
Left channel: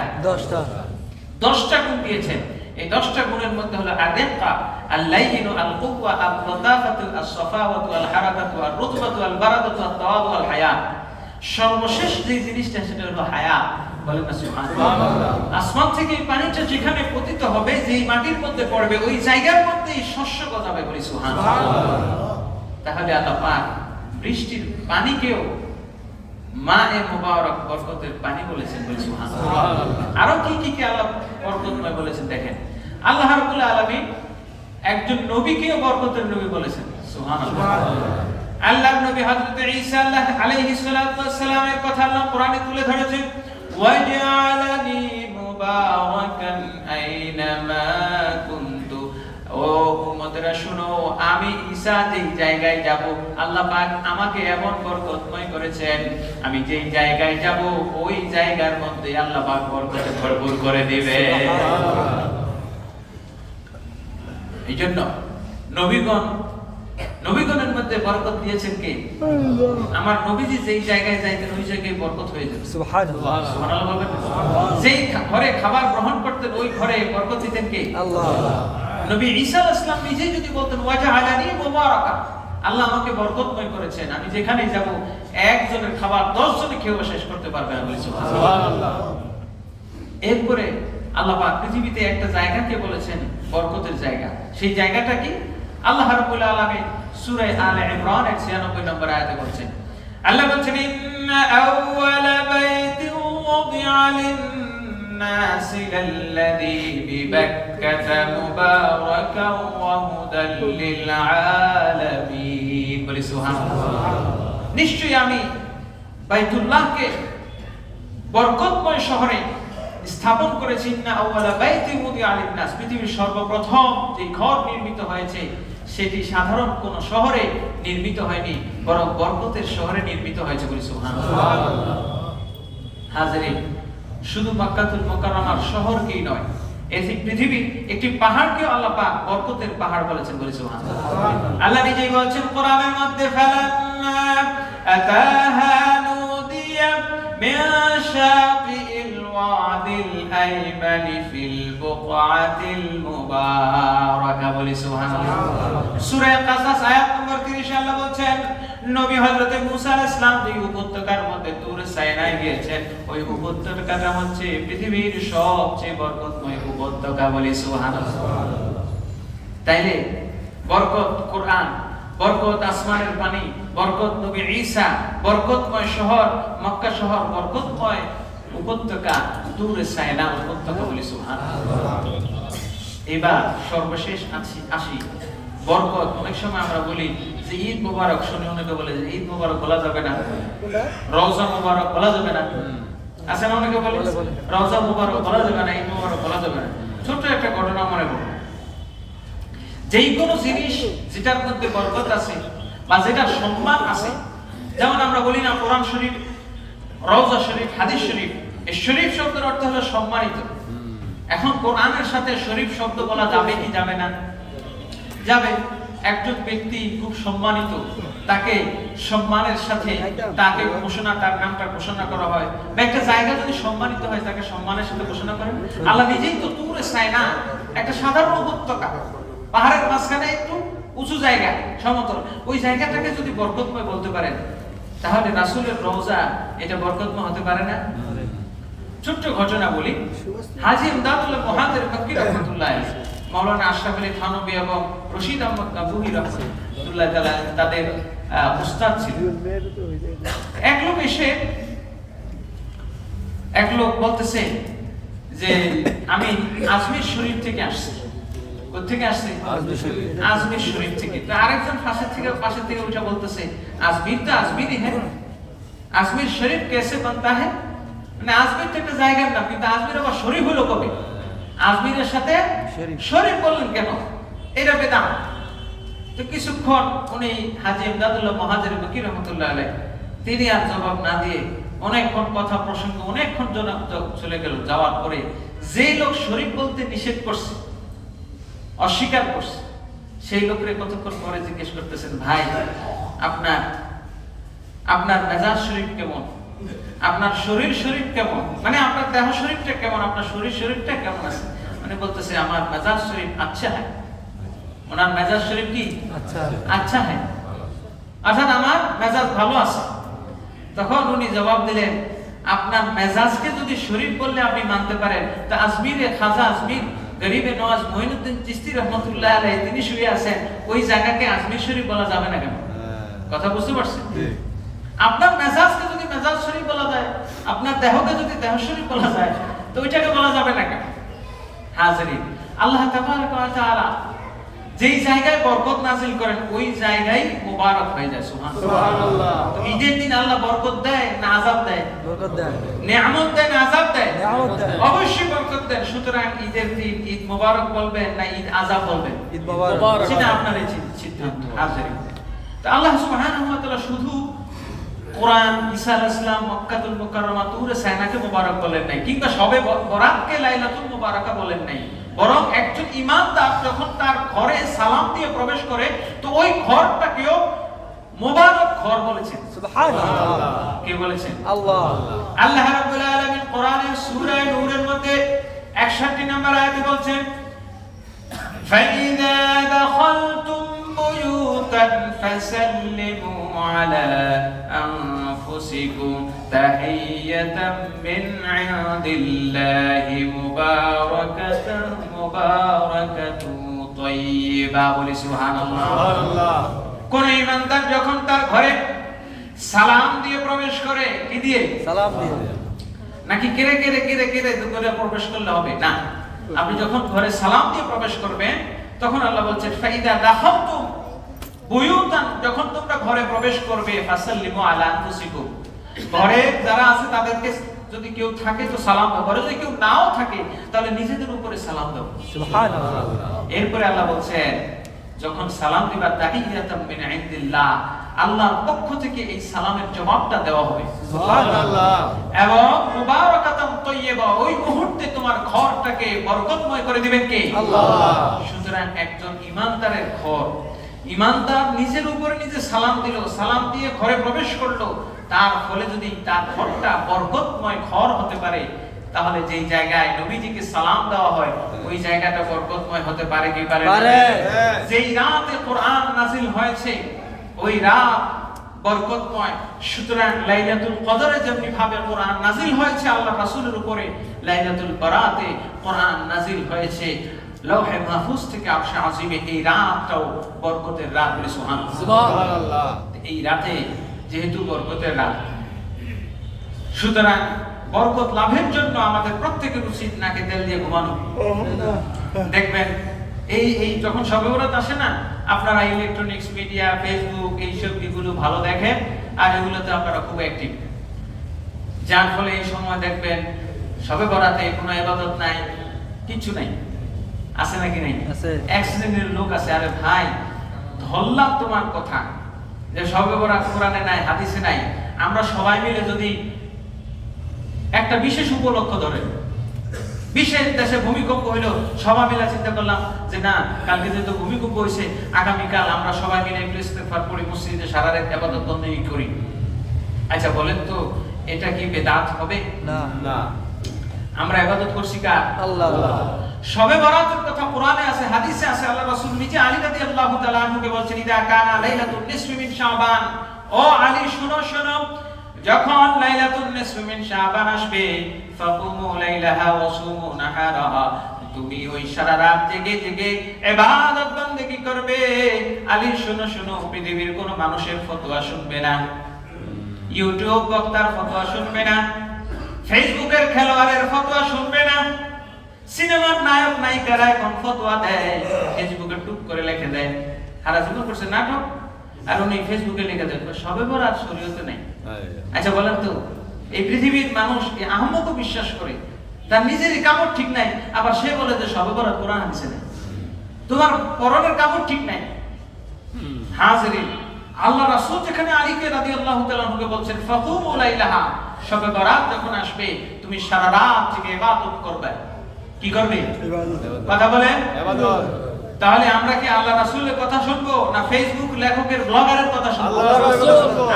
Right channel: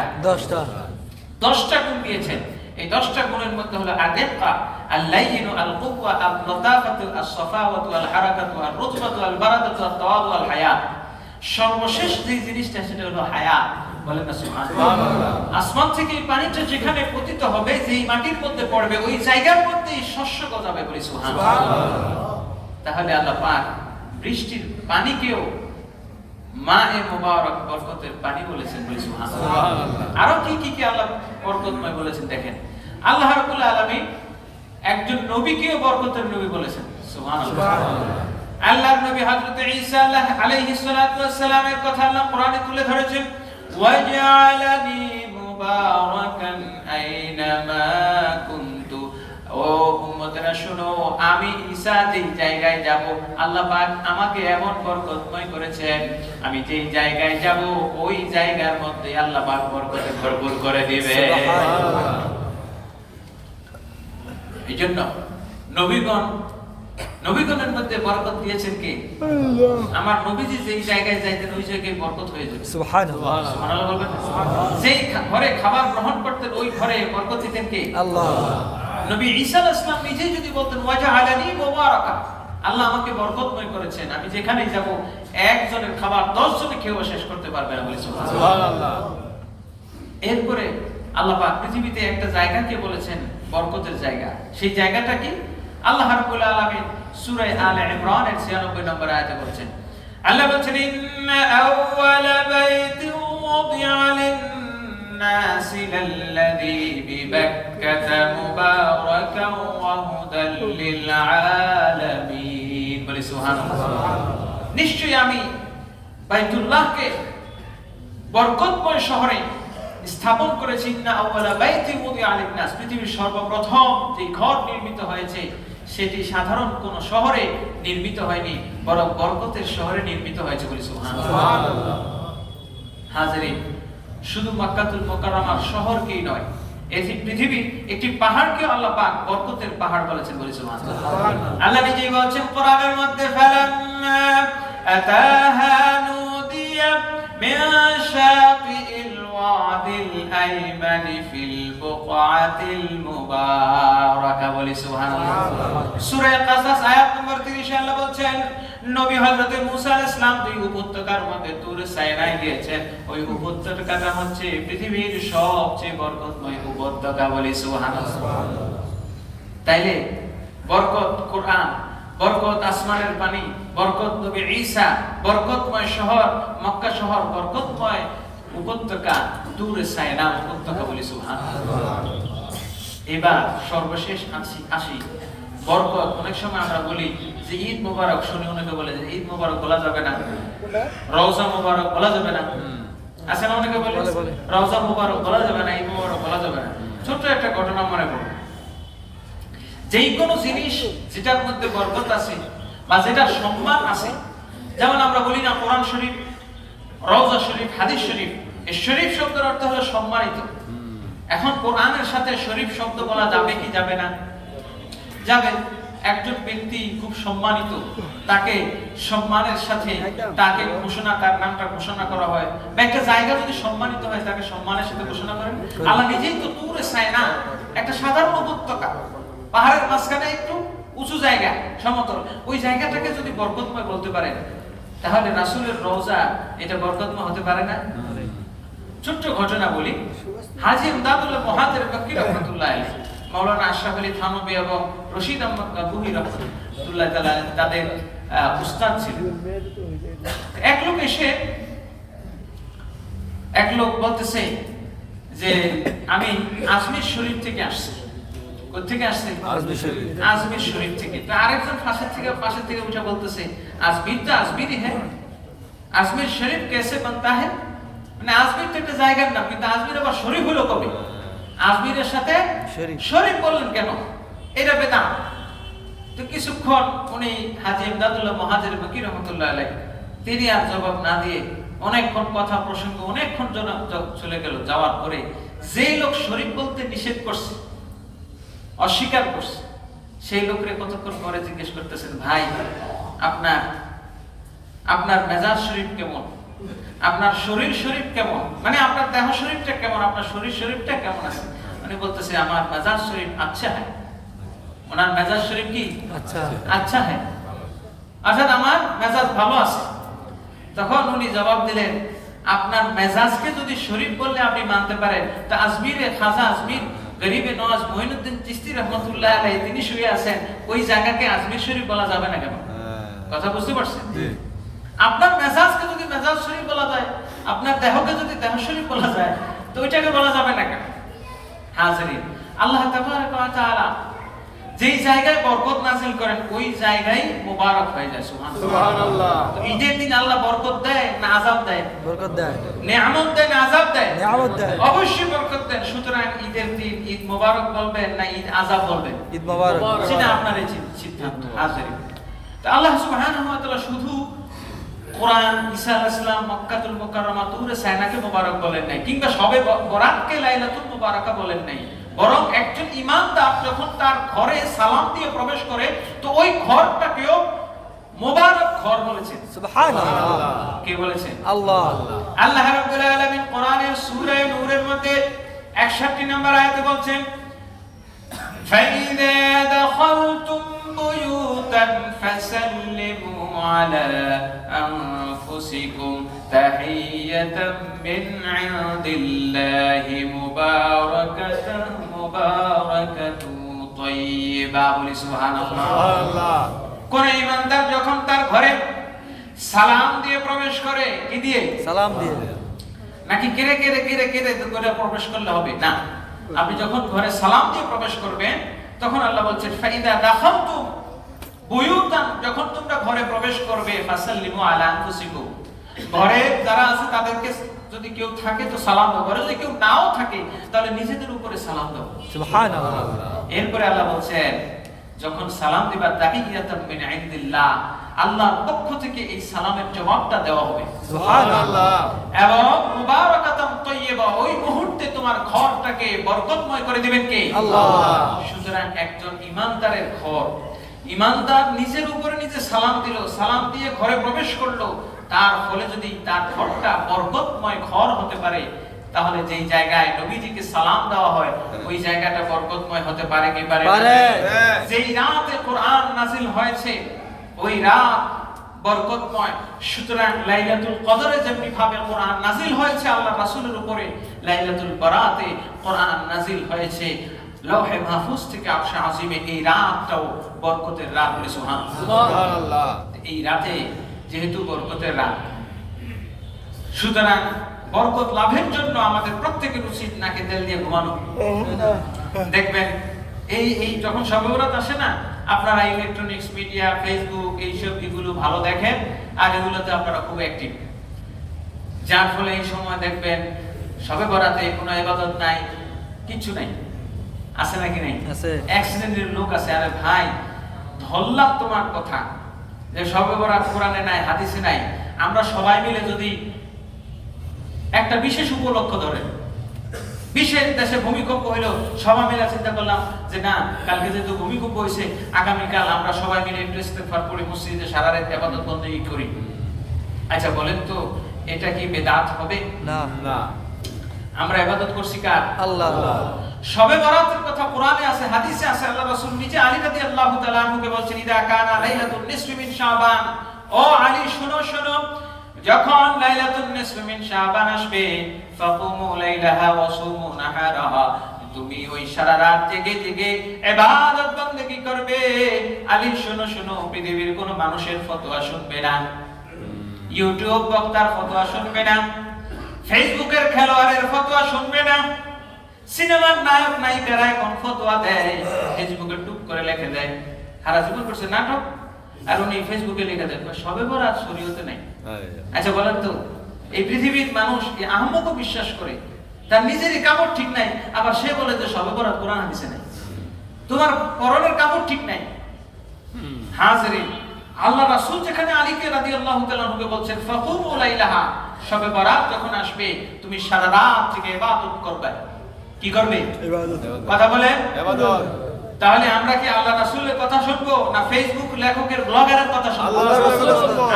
10টা গুণ দিয়েছেন। এই 10টা গুণের মধ্যে হলো আদিকা, আল-লাইয়িনু, আল-কুওয়া, আল-লতাফাতু, আস-সাফাওয়াতু, আল-হারাকাতু, আর-রুতবাতু, আল-বারাদাতু, আত-তাওয়াদু, আল-হায়াত। সর্বশেষ যে জিনিসটা সেটা হলো হায়াত। বলেন না সুবহানাল্লাহ। আসমান থেকে এই পানিটা যেখানে পতিত হবে, যেই মাটির মধ্যে পড়বে ওই জায়গার মধ্যেই শস্য গজাবে বলি সুবহানাল্লাহ। তাহলে আল্লাহ পাক বৃষ্টির পানিকেও মা-এ মুবারক, বরকতের পানি বলেছেন বলি সুবহানাল্লাহ। আরো কি কি আল্লাহ বরকতময় বলেছেন দেখেন। আল্লাহ রাব্বুল আলামিন একজন নবীকেও বরকতের নবী বলেছেন সুবহানাল্লাহ। আল্লাহর নবী হযরত ঈসা আলাইহিস সালাতু ওয়াস সালামের কথা আল্লাহ কোরআনে তুলে ধরেছেন, ওয়াজআলানি মুবারাকান আইনামা কুনতু। ও উম্মতেরা শুনো, আমি ঈসা যেই জায়গায় যাব আল্লাহ পাক আমাকে এমন বরকতময় করেছেন, আমি যেই জায়গায় যাব ওই জায়গার মধ্যে আল্লাহ পাক বরকতে ভরপুর করে দিবে। এইজন্য নবীগণের মধ্যে বরকত দিয়েছেন কে? আমার নবীজি যেই জায়গায় যাইতেন ওই জায়গায় বরকত হয়ে যেত সুবহানাল্লাহ। সুবহানাল্লাহ বলবেন। যেই ঘরে খাবার গ্রহণ করতেন ওই ঘরে বরকত দিতেন কে? আল্লাহ। নবী ঈসা আলাইহিস সালাম নিজে যদি বলতেন, ওয়াজআলানি মুবারাকা, আল্লাহ আমাকে বরকতময় করেছেন, আমি যেখানে যাব একজনের খাবার 10 জনে খেয়ে শেষ করতে পারবে না বলি সুবহানাল্লাহ। এরপরে আল্লাহ পাক পৃথিবীতে একটা জায়গাকে বলেছেন বরকতের জায়গা। সেই জায়গাটা কি? আল্লাহ রাব্বুল আলামিন সূরা আলে ইমরানের 96 নম্বর আয়াতে বলছেন, আল্লাহ বলছেন, ইন্না আউওয়ালা বাইতিন ওয়াদি'a লিন-নাসি লাল্লাযী বিবাক্কাতা মুবারাকান ওয়া হুদাল লিল-আলামিন। বলি সুবহানাল্লাহ। নিশ্চয়ই আমি বাইতুল্লাহকে বরকতময় শহরে স্থাপন করেছি। না আউওয়ালা বাইতি ওয়াদি'a লিন-নাস, পৃথিবীর সর্বপ্রথম যে ঘর নির্মিত হয়েছে সেটি সাধারণ কোন শহরে নির্মিত হয়নি, বরং বরকতের শহরে নির্মিত হয়েছে বলি সুবহানাল্লাহ। হাজিরিন, শুধু মক্কাতুল মুকাররমার শহরকেই নয়, এই পৃথিবী একটি পাহাড়কে আল্লাহ পাক বরকতের পাহাড় বলেছেন, বলি সুবহানাল্লাহ। আল্লাহ নিজেই বলেছেন কোরআনের মধ্যে, ফালাম্মা আতাহা নুদিয়া মিন শাতিল ওয়াদিল আইমানি ফিল বুকআতিল মুবারাকা, বলি সুবহানাল্লাহ। সূরা কাসাস আয়াত নম্বর 30 আল্লাহ বলেন, নবী হযরত মুসা আলাইহিস সালাম যে উপত্যকার মধ্যে তুর সাইনায় গিয়েছেন, ওই উপত্যকাটা হচ্ছে পৃথিবীর সবচেয়ে বরকতময় উপত্যকা, বলি সুবহানাল্লাহ। তাইলে বরকত কোরআন, বরকত আসমানের পানি, বরকত নবী ঈসা, বরকতময় শহর মক্কা শহর, বরকতময় উপত্যকা তুর সাইনা উপত্যকা, বলি সুবহানাল্লাহ। এবার সর্বশেষ আসি বরকত। অনেক সময় আমরা বলি যে ঈদ মোবারক, শুনে অনেকে বলে যে ঈদ মোবারক বলা যাবে না, রওজা মোবারক বলা যাবে না। আছে না অনেকে বলে রওজা মোবারক বলা যাবে না, ঈদ মোবারক বলা যাবে না। ছোট একটা ঘটনা মনে করুন, যেই কোনো জিনিস যেটার মধ্যে বরকত আছে বা যেটা সম্মান আছে, যেমন আমরা বলি না কোরআন শরীফ, রওজা শরীফ, হাদিস শরীফ, এই শরীফ শব্দের অর্থ হলো সম্মানিত। এখন কোরআনের সাথে শরীফ শব্দ বলা যাবে কি যাবে না? যাবে। একজন ব্যক্তি খুব সম্মানিত, তাকে সম্মানের সাথে তাকে ঘোষণা, তার নামটা ঘোষণা করা হয়, বা একটা জায়গা যদি সম্মানিত হয় তাকে সম্মানের সাথে ঘোষণা করেন। আল্লাহ নিজেই তো তুরে সাইনা একটা সাধারণ উপত্যকা, পাহাড়ের মাঝখানে একটু উঁচু জায়গা, সমতল, ওই জায়গাটাকে যদি বরকতময় বলতে পারেন, তাহলে রাসূলের রওজা এটা বরকতময় হতে পারে না? ছোট্ট ঘটনা বলি, হাজী ইমদাদুল্লাহ মুহাজির মক্কি রাহমাতুল্লাহ আলাইহি, মাওলানা আশরাফ আলী থানভী এবং রশিদ আহমদ গাজুহি রাহমাতুল্লাহ তাআলা তাদের উস্তাদ ছিলেন। এক লোক বলতেছে যে আমি আজমির শরীফ থেকে আসছি। কোথা থেকে আসছে? আজমির শরীফ থেকে। তো আরেকজন পাশে থেকে উঠে বলতেছে, আজমির তো আজমিরই হ্যাঁ, আজমির শরীফ कैसे बनता है? মানে আজমির তো একটা জায়গার নাম, কিন্তু আজমির আবার শরীফ হলো কবে? আজমিরের সাথে শরীফ বললেন কেন? এটা বেদাত। তো কিছুক্ষণ উনি হাজী ইমদাদুল্লাহ মুহাজির মক্কি রাহমাতুল্লাহ আলাইহি তিনি আর জবাব না দিয়ে অনেকক্ষণ কথা প্রসঙ্গ অনেকক্ষণ চলে গেল। যাওয়ার পরে যেই লোক শরীফ বলতে নিষেধ করছে, অস্বীকার করছে, সেই লোকরে কতক্ষণ পরে জিজ্ঞেস করতেছেন, ভাই আপনার মেজাজ শরীফ কেমন, আপনার শরীর শরীফ কেমন, মানে আপনার দেহ শরীফটা কেমন, আপনার শরীর শরীফটা কেমন আছে? মানে বলতেছে আমার মেজাজ শরীফ আচ্ছা হ্যাঁ। ওনার মেজাজ শরীফ কি আচ্ছা হ্যাঁ, অর্থাৎ আমার মেজাজ ভালো আছে। তখন উনি জবাব দিলেন, আপনার মেজাজকে যদি শরীফ বললে আপনি মানতে পারেন, তা আজমিরে খাজা আজমির গরিবে নওয়াজ মঈনুদ্দিন চিশতি রহমাতুল্লাহ আলাইহি তিনি শুয়ে আছেন, ওই জায়গাকে আজমির শরীফ বলা যাবে না কেন? কথা বুঝতে পারছেন? আপনার মেজাজকে যদি মেজাজ শরীফ বলা যায়, আপনার দেহকে যদি দেহ শরীফ বলা যায়, তো ওইটাকে বলা যাবে না কেন? হাজিরিন, আল্লাহ তাবারাক ওয়া তাআলা যেই জায়গায় বরকত নাযিল করেন ওই জায়গায় মোবারক হয়ে যায়। সুবহানাল্লাহ। ঈদের দিন আল্লাহ বরকত দেয় না আযাব দেয়? বরকত দেয়। নিয়ামত দেয় না আযাব দেয়? নিয়ামত দেয়। অবশ্যই বরকত দেন। সুতরাং ঈদের দিন ঈদ মোবারক বলবেন না ঈদ আযাব বলবেন? ঈদ মোবারক। সেটা আপনার সিদ্ধান্ত। হাজিরিন, তো আল্লাহ সুবহানাহু ওয়া তাআলা শুধু কোরআন, ঈসা আলাইহিস সালাম, মক্কাতুল মুকাররমা, তুর সাইনাকে মোবারক বলেন নাই, কিংবা শবে বরাতকে লাইলাতুল মুবারাকা বলেন নাই, বরং একজন ইমানদার যখন তার ঘরে সালাম দিয়ে প্রবেশ করে, তো ওই ঘরটাকেও মোবারক ঘর বলেছেন। সুবহানাল্লাহ। কে বলেছেন? আল্লাহ। আল্লাহ রাব্বুল আলামিন কোরআনের সূরা নূরের মধ্যে 61 নম্বর আয়াতে বলছেন, فَإِذَا دَخَلْتُمْ بُيُوتًا فَسَلِّمُوا عَلَى أَنفُسِكُمْ تَحِيَّةً مِنْ عِنْدِ اللَّهِ مُبَارَكَةً طَيِّبَةً। বলি সুবহানাল্লাহ। কোন ইমানদার যখন তার ঘরে সালাম দিয়ে প্রবেশ করে, কি দিয়ে? সালাম দিয়ে। নাকি কেড়ে করে প্রবেশ করলে হবে না। আপনি যখন ঘরে সালাম দিয়ে প্রবেশ করবেন, তখন আল্লাহ বলছেন ফাইদা দাখালতুম বুয়ুতান, যখন তোমরা ঘরে প্রবেশ করবে, ফাসাল্লিমু আলা আনফুসিকুম, ঘরে যারা আছে তাদেরকে যদি কেউ থাকে তো সালাম দাও, ঘরে যদি কেউ নাও থাকে তাহলে নিজেদের উপরে সালাম দাও। সুবহানাল্লাহ। এরপরে আল্লাহ বলছেন যখন সালাম দিবা তাহিয়াতাম মিন ইনদিল্লাহ, আল্লাহর পক্ষ থেকে এই সালামের জবাবটা দেওয়া হবে। সুবহানাল্লাহ। এবং মুবারাকাতাম তাইয়্যিবা, ওই মুহূর্তে তোমার ঘরটাকে বরকতময় করে দিবেন কে? আল্লাহ। সুতরাং একজন ঈমানদারের ঘর, ঈমানদার নিজের উপরে নিজে সালাম দিল, সালাম দিয়ে ঘরে প্রবেশ করলো, তার ফলে যদি তার ঘরটা বরকতময় ঘর হতে পারে, তাহলে যেই জায়গায় নবীজিকে সালাম দেওয়া হয় ওই জায়গাটা বরকতময় হতে পারে কি পারে না? যেই রাতে কোরআন নাযিল হয়েছে ওই রাত বরকতময়। সুতরাং লাইলাতুল কদরে যেমনি ভাবে কোরআন নাযিল হয়েছে আল্লাহ রাসূলের উপরে, লাইলাতুল বারাতে কোরআন নাযিল হয়েছে লৌহে মাহফুজ থেকে আরশে আজিমে, এই রাতটাও বরকতের রাত। সুবহানাল্লাহ। এই রাতে যেহেতু বরকতের রাত, সুতরাং বরকত লাভের জন্য আমাদের প্রত্যেকের উচিত নাকে তেল দিয়ে ঘুমানো। দেখবেন এই যখন শবে বরাত আসে না, আপনারা ইলেকট্রনিক্স মিডিয়া, ফেসবুক এইসব এগুলো ভালো দেখেন, আর এগুলোতে আপনারা খুব অ্যাক্টিভ, যার ফলে এই সময় দেখবেন শবে বরাতে কোনো ইবাদত নাই, কিছু নাই। আছে নাকি নাই? এক শ্রেণীর লোক আছে, আরে ভাই ধরলাম তোমার কথা যে শবে বরাত কোরআনে নাই, হাদিসে নাই, আমরা সবাই মিলে যদি একটা বিশেষ উপলক্ষ ধরে, বিশেষ দেশে ভূমিকম্প হইলো, সবাই মিলে চিন্তা করলাম যে না, কালকে যেহেতু ভূমিকম্প হয়েছে, আগামীকাল আমরা সবাই মিলে একটু ইস্তেগফার করি, মসজিদে সারা রাত ইবাদত বন্দেগী করি। আচ্ছা বলেন তো, এটা কি বেদাত হবে? না। আমরা ইবাদত করছি কার? আল্লাহ। শবে বরাতের কথা কোরআনে আছে, হাদিসে আছে। আল্লাহ রাসূল নিজে আলী রাদিয়াল্লাহু তাআলা আনহুকে বলছেন, ইদা কানা লাইলাতুন নিসফি মিন শাবান, ও আলী শোনো শোনো, যখন লাইলাতুন নিসফি মিন শাবান আসবে, ফাকুমু লাইলাহা ওয়া সুমু নাহারাহা, তুমি ওই সারা রাত জেগে জেগে ইবাদত বন্দেগী করবে। আলী শোনো শোনো, পৃথিবীর কোনো মানুষের ফতোয়া শুনবে না, ইউটিউব বক্তার ফতোয়া শুনবে না, ফেসবুকের খেলোয়াড়ের ফতোয়া শুনবে না, সিনেমার নায়ক নায়িকারা এখন ফতোয়া দেয়, ফেসবুকে টুক করে লিখে দেয়, হারা জীবন করছে নাটক, আর উনি ফেসবুকে লিখে দেন শবে বরাত শরীয়তে নাই। আচ্ছা বলেন তো, এই পৃথিবীর মানুষ এই আহম্মকও বিশ্বাস করে, তার নিজেরই কাপড় ঠিক নাই, আবার সে বলে যে শবে বরাত কোরআন হাদিসে নাই, তোমার পরনের কাপড় ঠিক নাই। হাজিরিন, আল্লাহ রাসূল যেখানে আলীকে রাদিয়াল্লাহু তাআলা আনহুকে বলছেন ফাকুমু লাইলাহা, শবে বরাত যখন আসবে তুমি সারা রাত থেকে ইবাদত করবে। কি করবে? কথা বলেন। তাহলে আমরা কি আল্লাহ রাসূলের কথা শুনবো না ফেসবুক লেখকের ব্লগারের কথা শুনবো?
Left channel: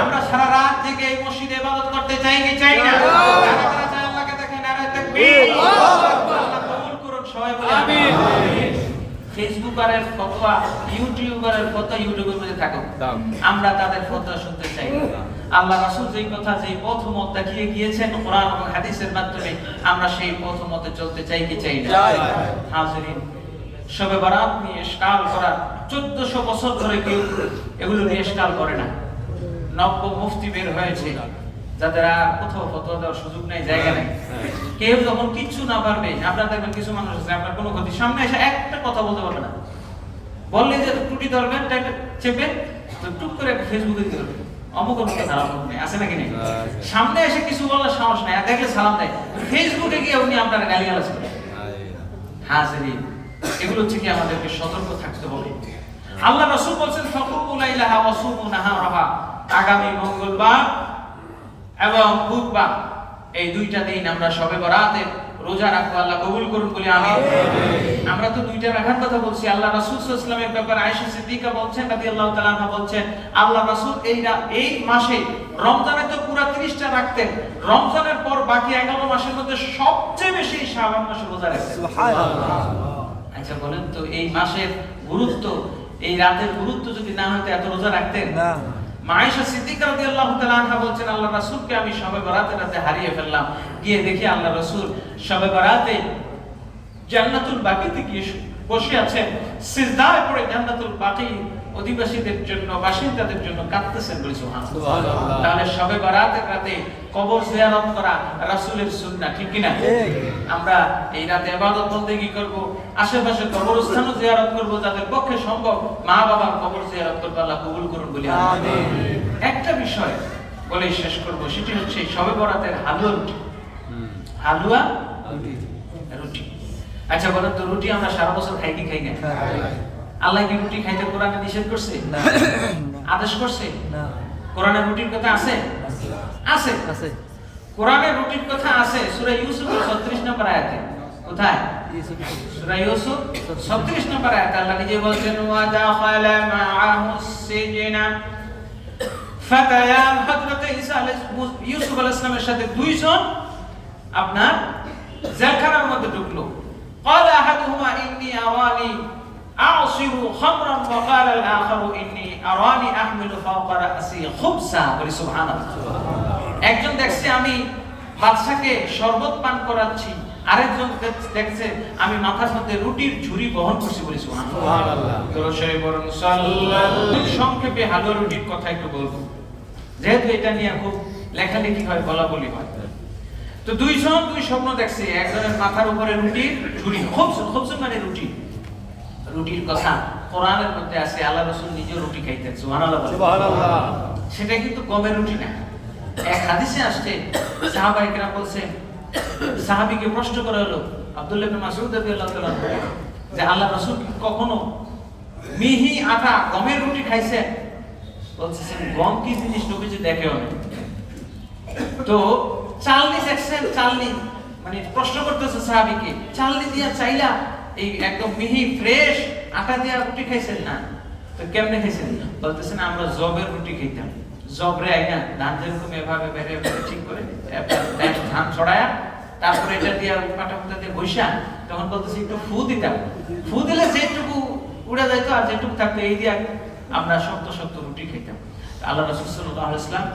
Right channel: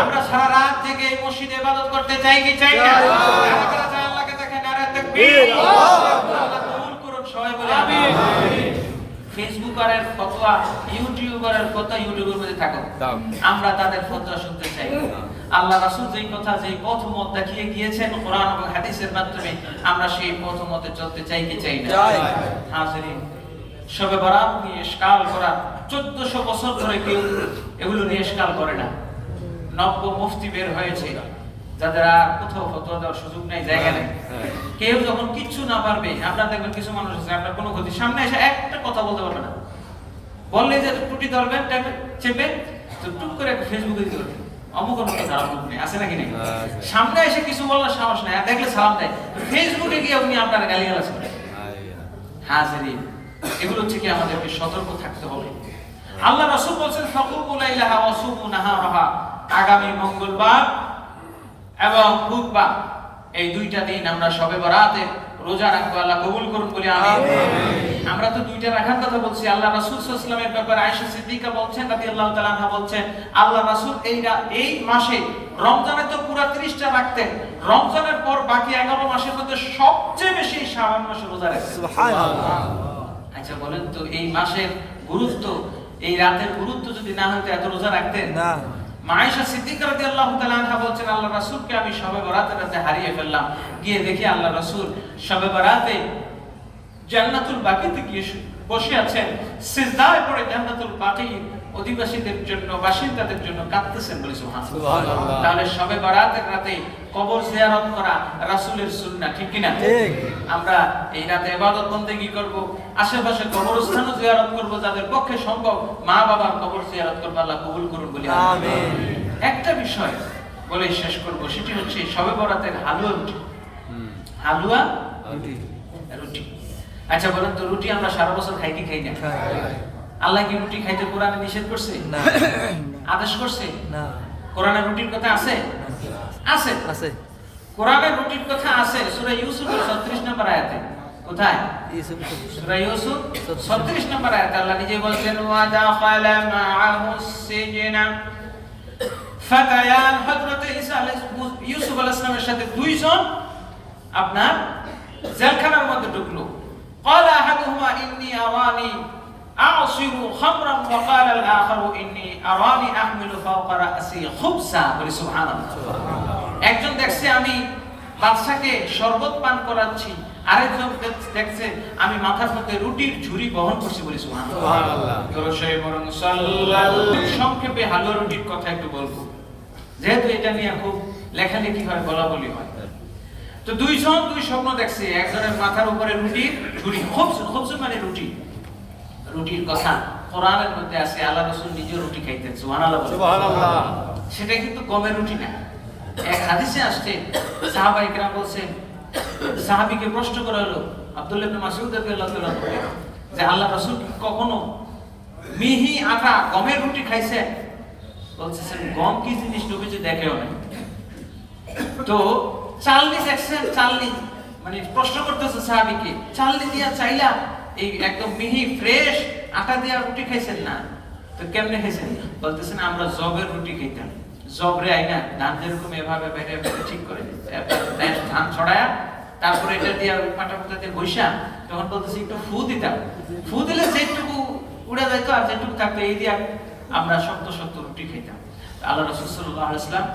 আমরা সারা রাত জেগে এই মসজিদে ইবাদত করতে চাই কি চাই না? কারা কারা চায় আল্লাহকে দেখেন? নারে তাকবীর। আল্লাহ কবুল করুন, সবাই বলে আমিন। ফেসবুকারের ফতোয়া, ইউটিউবারের ফতোয়া ইউটিউবের মধ্যে থাকো, আমরা তাদের ফতোয়া শুনতে চাই না। আল্লাহ রাসূল যেই কথা, যেই পথ মত দেখিয়ে গিয়েছেন কোরআন এবং হাদিসের মাধ্যমে, আমরা সেই পথ মতে চলতে চাই কি চাই না? হাজিরিন, শবে বরাত নিয়ে ইশকাল করা 1400 বছর ধরে কেউ এগুলো নিয়ে ইশকাল করে না। নব্য মুফতি বের হয়েছে, যাদের আর কোথাও ফতোয়া দেওয়ার সুযোগ নাই, জায়গা নেই। কেউ যখন কিচ্ছু না পারবে, আপনার দেখবেন কিছু মানুষ আছে, আপনার কোনো ক্ষতি সামনে এসে একটা কথা বলতে পারবে না, বললে যে টুটি ধরবেন চেপে তো টুক করে ফেসবুকে দিয়ে দেবে, অমুকের মতো খারাপ লোক নেই, আছে নাকি নেই? সামনে এসে কিছু বলার সাহস নাই, আর দেখলে সালাম দেয়, ফেসবুকে গিয়ে উনি আপনার গালিগালাজ করে। হাজিরিন, এগুলো থেকে আমাদেরকে সতর্ক থাকতে হবে। আল্লাহ রাসূল বলেন ফাকুমু লাইলাহা ওয়া সুমু নাহারাহা, আগামী মঙ্গলবার এবং বুধবার এই দুইটা দিন আমরা শবে বরাতে রোজা রাখবো। আল্লাহ কবুল করুন বলে আমিন। আমরা তো দুইটা রাখার কথা বলছি। আল্লাহ রাসূল সাল্লাল্লাহু আলাইহি ওয়াসাল্লামের ব্যাপারে আয়েশা সিদ্দিকা বলছেন রাদিয়াল্লাহু তাআলা আনহা বলছেন, আল্লাহ রাসূল এই মাসে রমজানে তো পুরো 30টা রাখতেন, রমজানের পর বাকি 11 মাসের মধ্যে সবচেয়ে বেশি শাবান মাসে রোজা রাখতেন। সুবহানাল্লাহ। আচ্ছা বলেন তো, এই মাসের গুরুত্ব, এই রাতের গুরুত্ব যদি না হতো এত রোজা রাখতেন না? আয়েশা সিদ্দিকা রাদিয়াল্লাহু তাআলা আনহা বলছেন, আল্লাহ রাসূলকে আমি শবে বরাতের রাতে হারিয়ে ফেললাম, গিয়ে দেখি আল্লাহ রাসূল শবে বরাতে জান্নাতুল বাকিতে গিয়ে বসে আছেন, সিজদায় পড়ে জান্নাতুল বাকি অধিবাসীদের জন্য, বাসিন্দাদের জন্য কাঁদতেছেন। বলি সুবহানাল্লাহ। তাহলে শবে বরাতের রাতে কবর জিয়ারত করা রাসূলের সুন্নাহ, ঠিক কি না? আমরা এই রাতে ইবাদত বন্দেগী করব, আশেপাশে কবরস্থানও জিয়ারত করব, যাদের পক্ষে সম্ভব মা বাবার কবর জিয়ারত করব। আল্লাহ কবুল করুন বলি আমিন। একটা বিষয় বলে শেষ করব, সেটি হচ্ছে শবে বরাতের হালুয়া রুটি। হালুয়া রুটি। আচ্ছা বলেন তো, রুটি আমরা সারা বছর খাই কি খাই না? আল্লাহ কি রুটি খাইতে কোরআনে নিষেধ করছে? আদেশ করছে? কোরআনে রুটির কথা আছে? আছে। আছে। কোরআনে রুটির কথা আছে সূরা ইউসুফ 36 নম্বর আয়াতে। কোথায়? সূরা ইউসুফ 36 নম্বর আয়াতে আল্লাহ নিজে বলছেন ওয়া দাখালা মাআহুস সিজনা ফাতায়ান। হযরত ইউসুফ আলাইহিস সালামের সাথে দুইজন আপনার জেলখানার মধ্যে ঢুকলো। قال احدهما اني اراني اعصر خمرا وقال الاخر اني اراني احمل فوق راسي خبزا। বলি সুবহানাল্লাহ। একজন দেখছে আমি বাদশাকে শরবত পান করাচ্ছি, আরেকজন দেখছে আমি মাথার মধ্যে রুটির ঝুড়ি বহন করছি। বলি সুবহানাল্লাহ। দরুশে বরং সাল্লাল্লাহু। সংক্ষেপে হালুয়া রুটির কথা একটু বলবো, যেহেতু এটা নিয়ে খুব লেখালেখি হয়, বলাবলি হয়। তো দুইজন দুই স্বপ্ন দেখছে, একজনের মাথার উপরে রুটির ঝুড়ি, খুব মানে রুটি। রুটির কথা কোরআনের মধ্যে আছে, আল্লাহ রাসূল নিজে রুটি খাইতেন। সুবহানাল্লাহ। সেটা কিন্তু গমের রুটি না। এক হাদিসে আসছে, সাহাবায়ে কেরাম বলছেন, সাহাবীকে প্রশ্ন করা হলো আব্দুল্লাহ ইবনে মাসউদ রাদিয়াল্লাহু তাআলা যে আল্লাহ রাসূল কি কখনো মিহি আটা গমের রুটি খাইছেন? বলছেন গম কি জিনিস নবীজি দেখেও না। তো চালনি দেখছেন, চালনি মানে প্রশ্ন করতেছে সাহাবীকে, চালনি দিয়া চাইলা এই একদম মিহি ফ্রেশ আটা দিয়া রুটি খাইছেন না? তো কেমনে খাইছেন? বলতেছেন আমরা জবের রুটি খাইতাম। জবরে আইনা ধান যেরকম এভাবে বেড়ে ঠিক করে ধান ছড়ায়া তারপরে এটা দিয়া পাটা পাটা দিয়ে বৈশা, তখন বলতেছে একটু ফু দিতাম। ফু দিলে যেটুকু উড়ে যাইতো আর যেটুকু থাকতো এই দিয়া আমরা শক্ত শক্ত রুটি খাইতাম। আল্লাহ রাসূল সাল্লাল্লাহু আলাইহি ওয়াসাল্লাম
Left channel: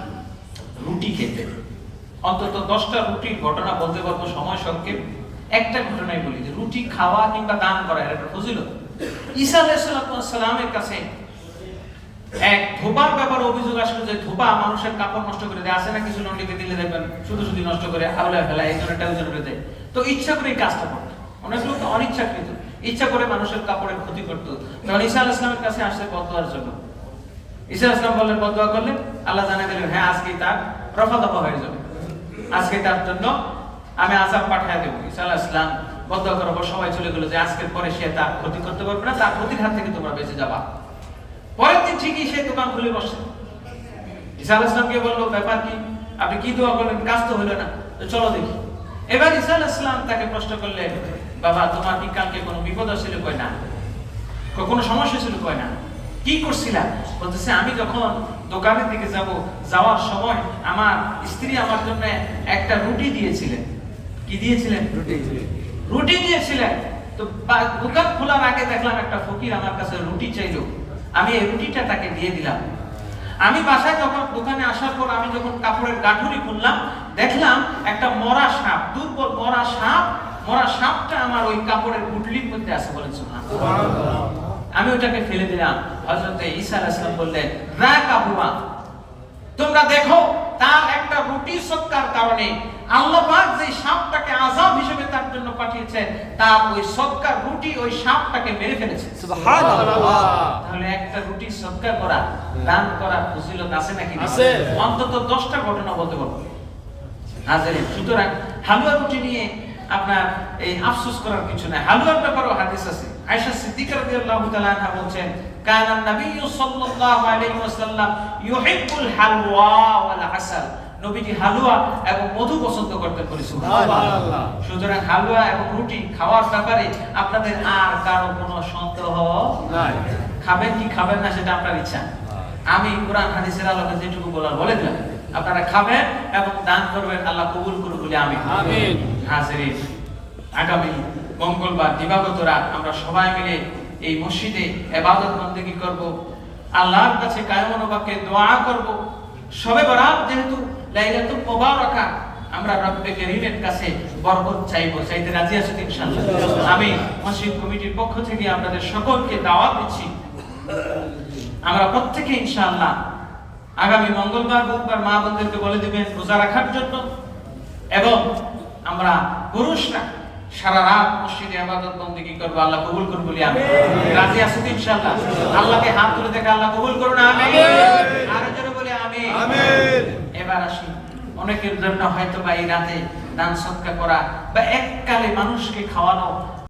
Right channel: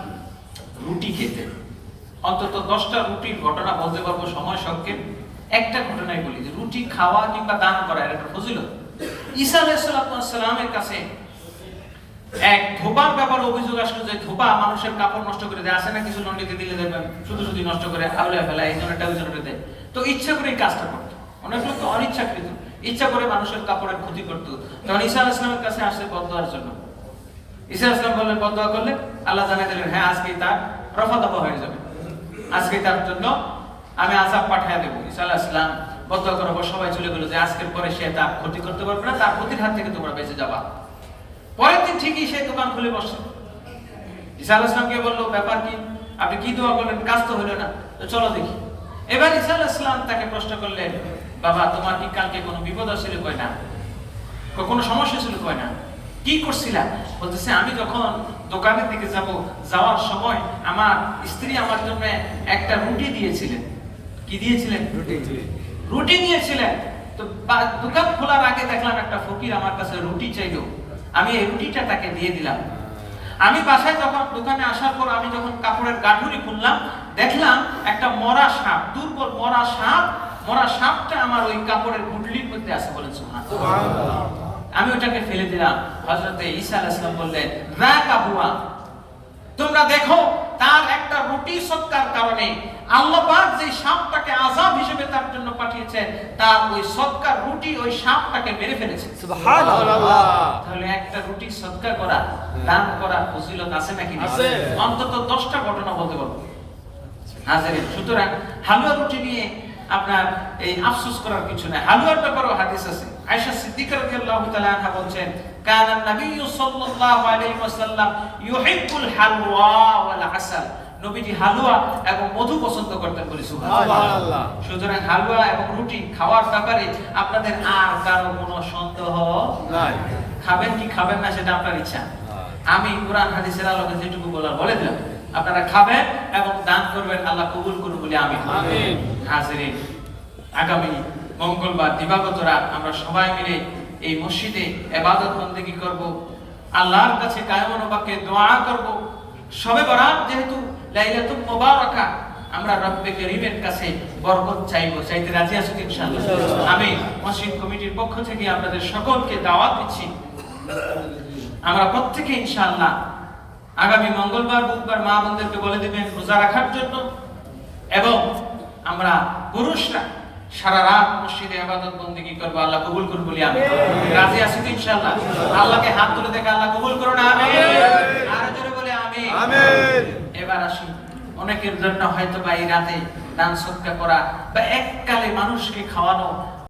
রুটি খেতেন। অন্তত 10টা রুটির ঘটনা বলতে পারবো, সময় সংক্ষেপ। একটা ঘটনাই বলি যে রুটি খাওয়া কিংবা দান করা এটা একটা ফজিলত। ঈসা আলাইহিস সালামের কাছে এক ধোপার ব্যাপারে অভিযোগ আসলো যে ধোপা মানুষের কাপড় নষ্ট করে দেয়। আসে না কিছু নন্ডিকে দিলে দেখবেন শুধু শুধু নষ্ট করে আউলে ফেলা, একজনেরটা একজনের দেয়। তো ইচ্ছা করে এই কাজটা করতো। অনেক লোক তো অনিচ্ছাকৃত ইচ্ছা করে মানুষের কাপড়ের ক্ষতি করতো। তখন ঈসা আলাইহিস সালামের কাছে আসছে বদদোয়ার জন্য। ঈসা আলাইহিস সালাম বললেন, বদদোয়া করলে আল্লাহ জানিয়ে দিলেন হ্যাঁ আজকে তার রফা দফা হয়ে যাবে, আজকে তার জন্য আমি আযাব পাঠিয়ে দেব। ঈসা আলাইহিস সালাম বদদোয়া করার পর সবাই চলে গেল যে আজকের পরে সে তার ক্ষতি করতে পারবে না, তার ক্ষতির হাত থেকে তোমরা বেঁচে যাবা। পরের দিন ঠিকই সে দোকান খুলে বসে। ঈসা আলাইহিস সালামকে বলল ব্যাপার কি, আপনি কি দোয়া করলেন, কাজ তো হলো না, তো চলো দেখি। এবার ঈসা আলাইহিস সালাম তাকে প্রশ্ন করলেন, বাবা তোমার কি কালকে কোনো বিপদ ছিল? কয় না। কোনো সমস্যা ছিল? কয় না। কি করছিলা? বলতেছে আমি যখন দোকানের দিকে যাওয়ার সময় আমার স্ত্রী আমার জন্য একটা রুটি দিয়েছিলেন। কি দিয়েছিলেন? রুটি দিয়েছিলেন। তো দোকান খোলার আগে দেখলাম একটা ফকির আমার কাছে রুটি চাইলো, আমি এই রুটিটা তাকে দিয়ে দিলাম। আমি বাসায় যখন দোকানে আসার পর আমি যখন কাপড়ের গাঁঠুরি খুললাম, দেখলাম একটা মরা সাপ, দুর্বল মরা সাপটা আমার ওই কাপড়ের গুটলির মধ্যে আছে। বলেন সুবহানাল্লাহ। আমি ওটাকে ফেলে দিলাম। হযরত ঈসা আলাইহিস সালাম বললেন, রাকাবুয়া, তোমরা দেখো তার একটা রুটি সদকার কারণে আল্লাহ পাক যে সাপটাকে আযাব হিসেবে তার জন্য পাঠিয়েছেন, তার ওই সদকার রুটি ওই সাপটাকে মেরে ফেলেছে। সুবহানাল্লাহ। তাহলে একটা রুটি সদকা করা, দান করার ফজিলত আছে নাকি? আছে। অন্তত 10টা ঘটনা বলতে পারবো। হাজির, সুতরাং হালুয়া রুটি নিয়ে আপনার এই আফসোস করার কিছু নাই। হালুয়ার ব্যাপারেও হাদিস আছে। আয়েশা সিদ্দিকা রাদিয়াল্লাহু তাআলা আনহা বলেন, কানা নবী সাল্লাল্লাহু আলাইহি ওয়াসাল্লাম ইউহিব্বুল হালওয়া ওয়াল আসাল। নবীজি হালুয়া এবং মধু পছন্দ করতেন। বলি সুবহানাল্লাহ। সুতরাং হালুয়া এবং রুটি খাওয়ার ব্যাপারে আপনাদের আর কারো কোনো সন্দেহ নাই। খাবেন কি খাবেন না সেটা আপনার ইচ্ছা। আমি কোরআন হাদিসের আলোকে যেটুকু বলার বলে দিলাম, আপনারা খাবেন এবং দান করবেন, আল্লাহ কবুল করুন বলে আমিন। আমিন। হাজিরিন, আগামী মঙ্গলবার দিবাগত রাত আমরা সবাই মিলে এই মসজিদে ইবাদত বন্দেগী করব, আল্লাহর কাছে কায়মনোবাক্যে দোয়া করব। শবে বরাত যেহেতু লাইলাতুল মুবারাকা, আমরা রব্বে কারীমের কাছে বরকত চাইতে রাজি আছি ইনশাআল্লাহ। আমি মসজিদ কমিটির পক্ষ থেকে আপনাদের সকলকে দাওয়াত দিচ্ছি, আমরা প্রত্যেকে ইনশাআল্লাহ আগামী মঙ্গলবার বুধবার মা বোনদেরকে বলে দিবেন রোজা রাখার জন্য, এবং আমরা পুরুষরা সারা রাত মসজিদে ইবাদত বন্দেগী করব। আল্লাহ কবুল করুন বলি আমিন। রাজি আছি তো ইনশাআল্লাহ? আল্লাহকে হাত তুলে দেখে আল্লাহ কবুল করুন আমিন। আর জোরে বলে আমিন। আমিন। এবার আসি, অনেকের জন্য হয়তো বা এই রাতে দান সদকা করা বা এককালে মানুষকে খাওয়ানো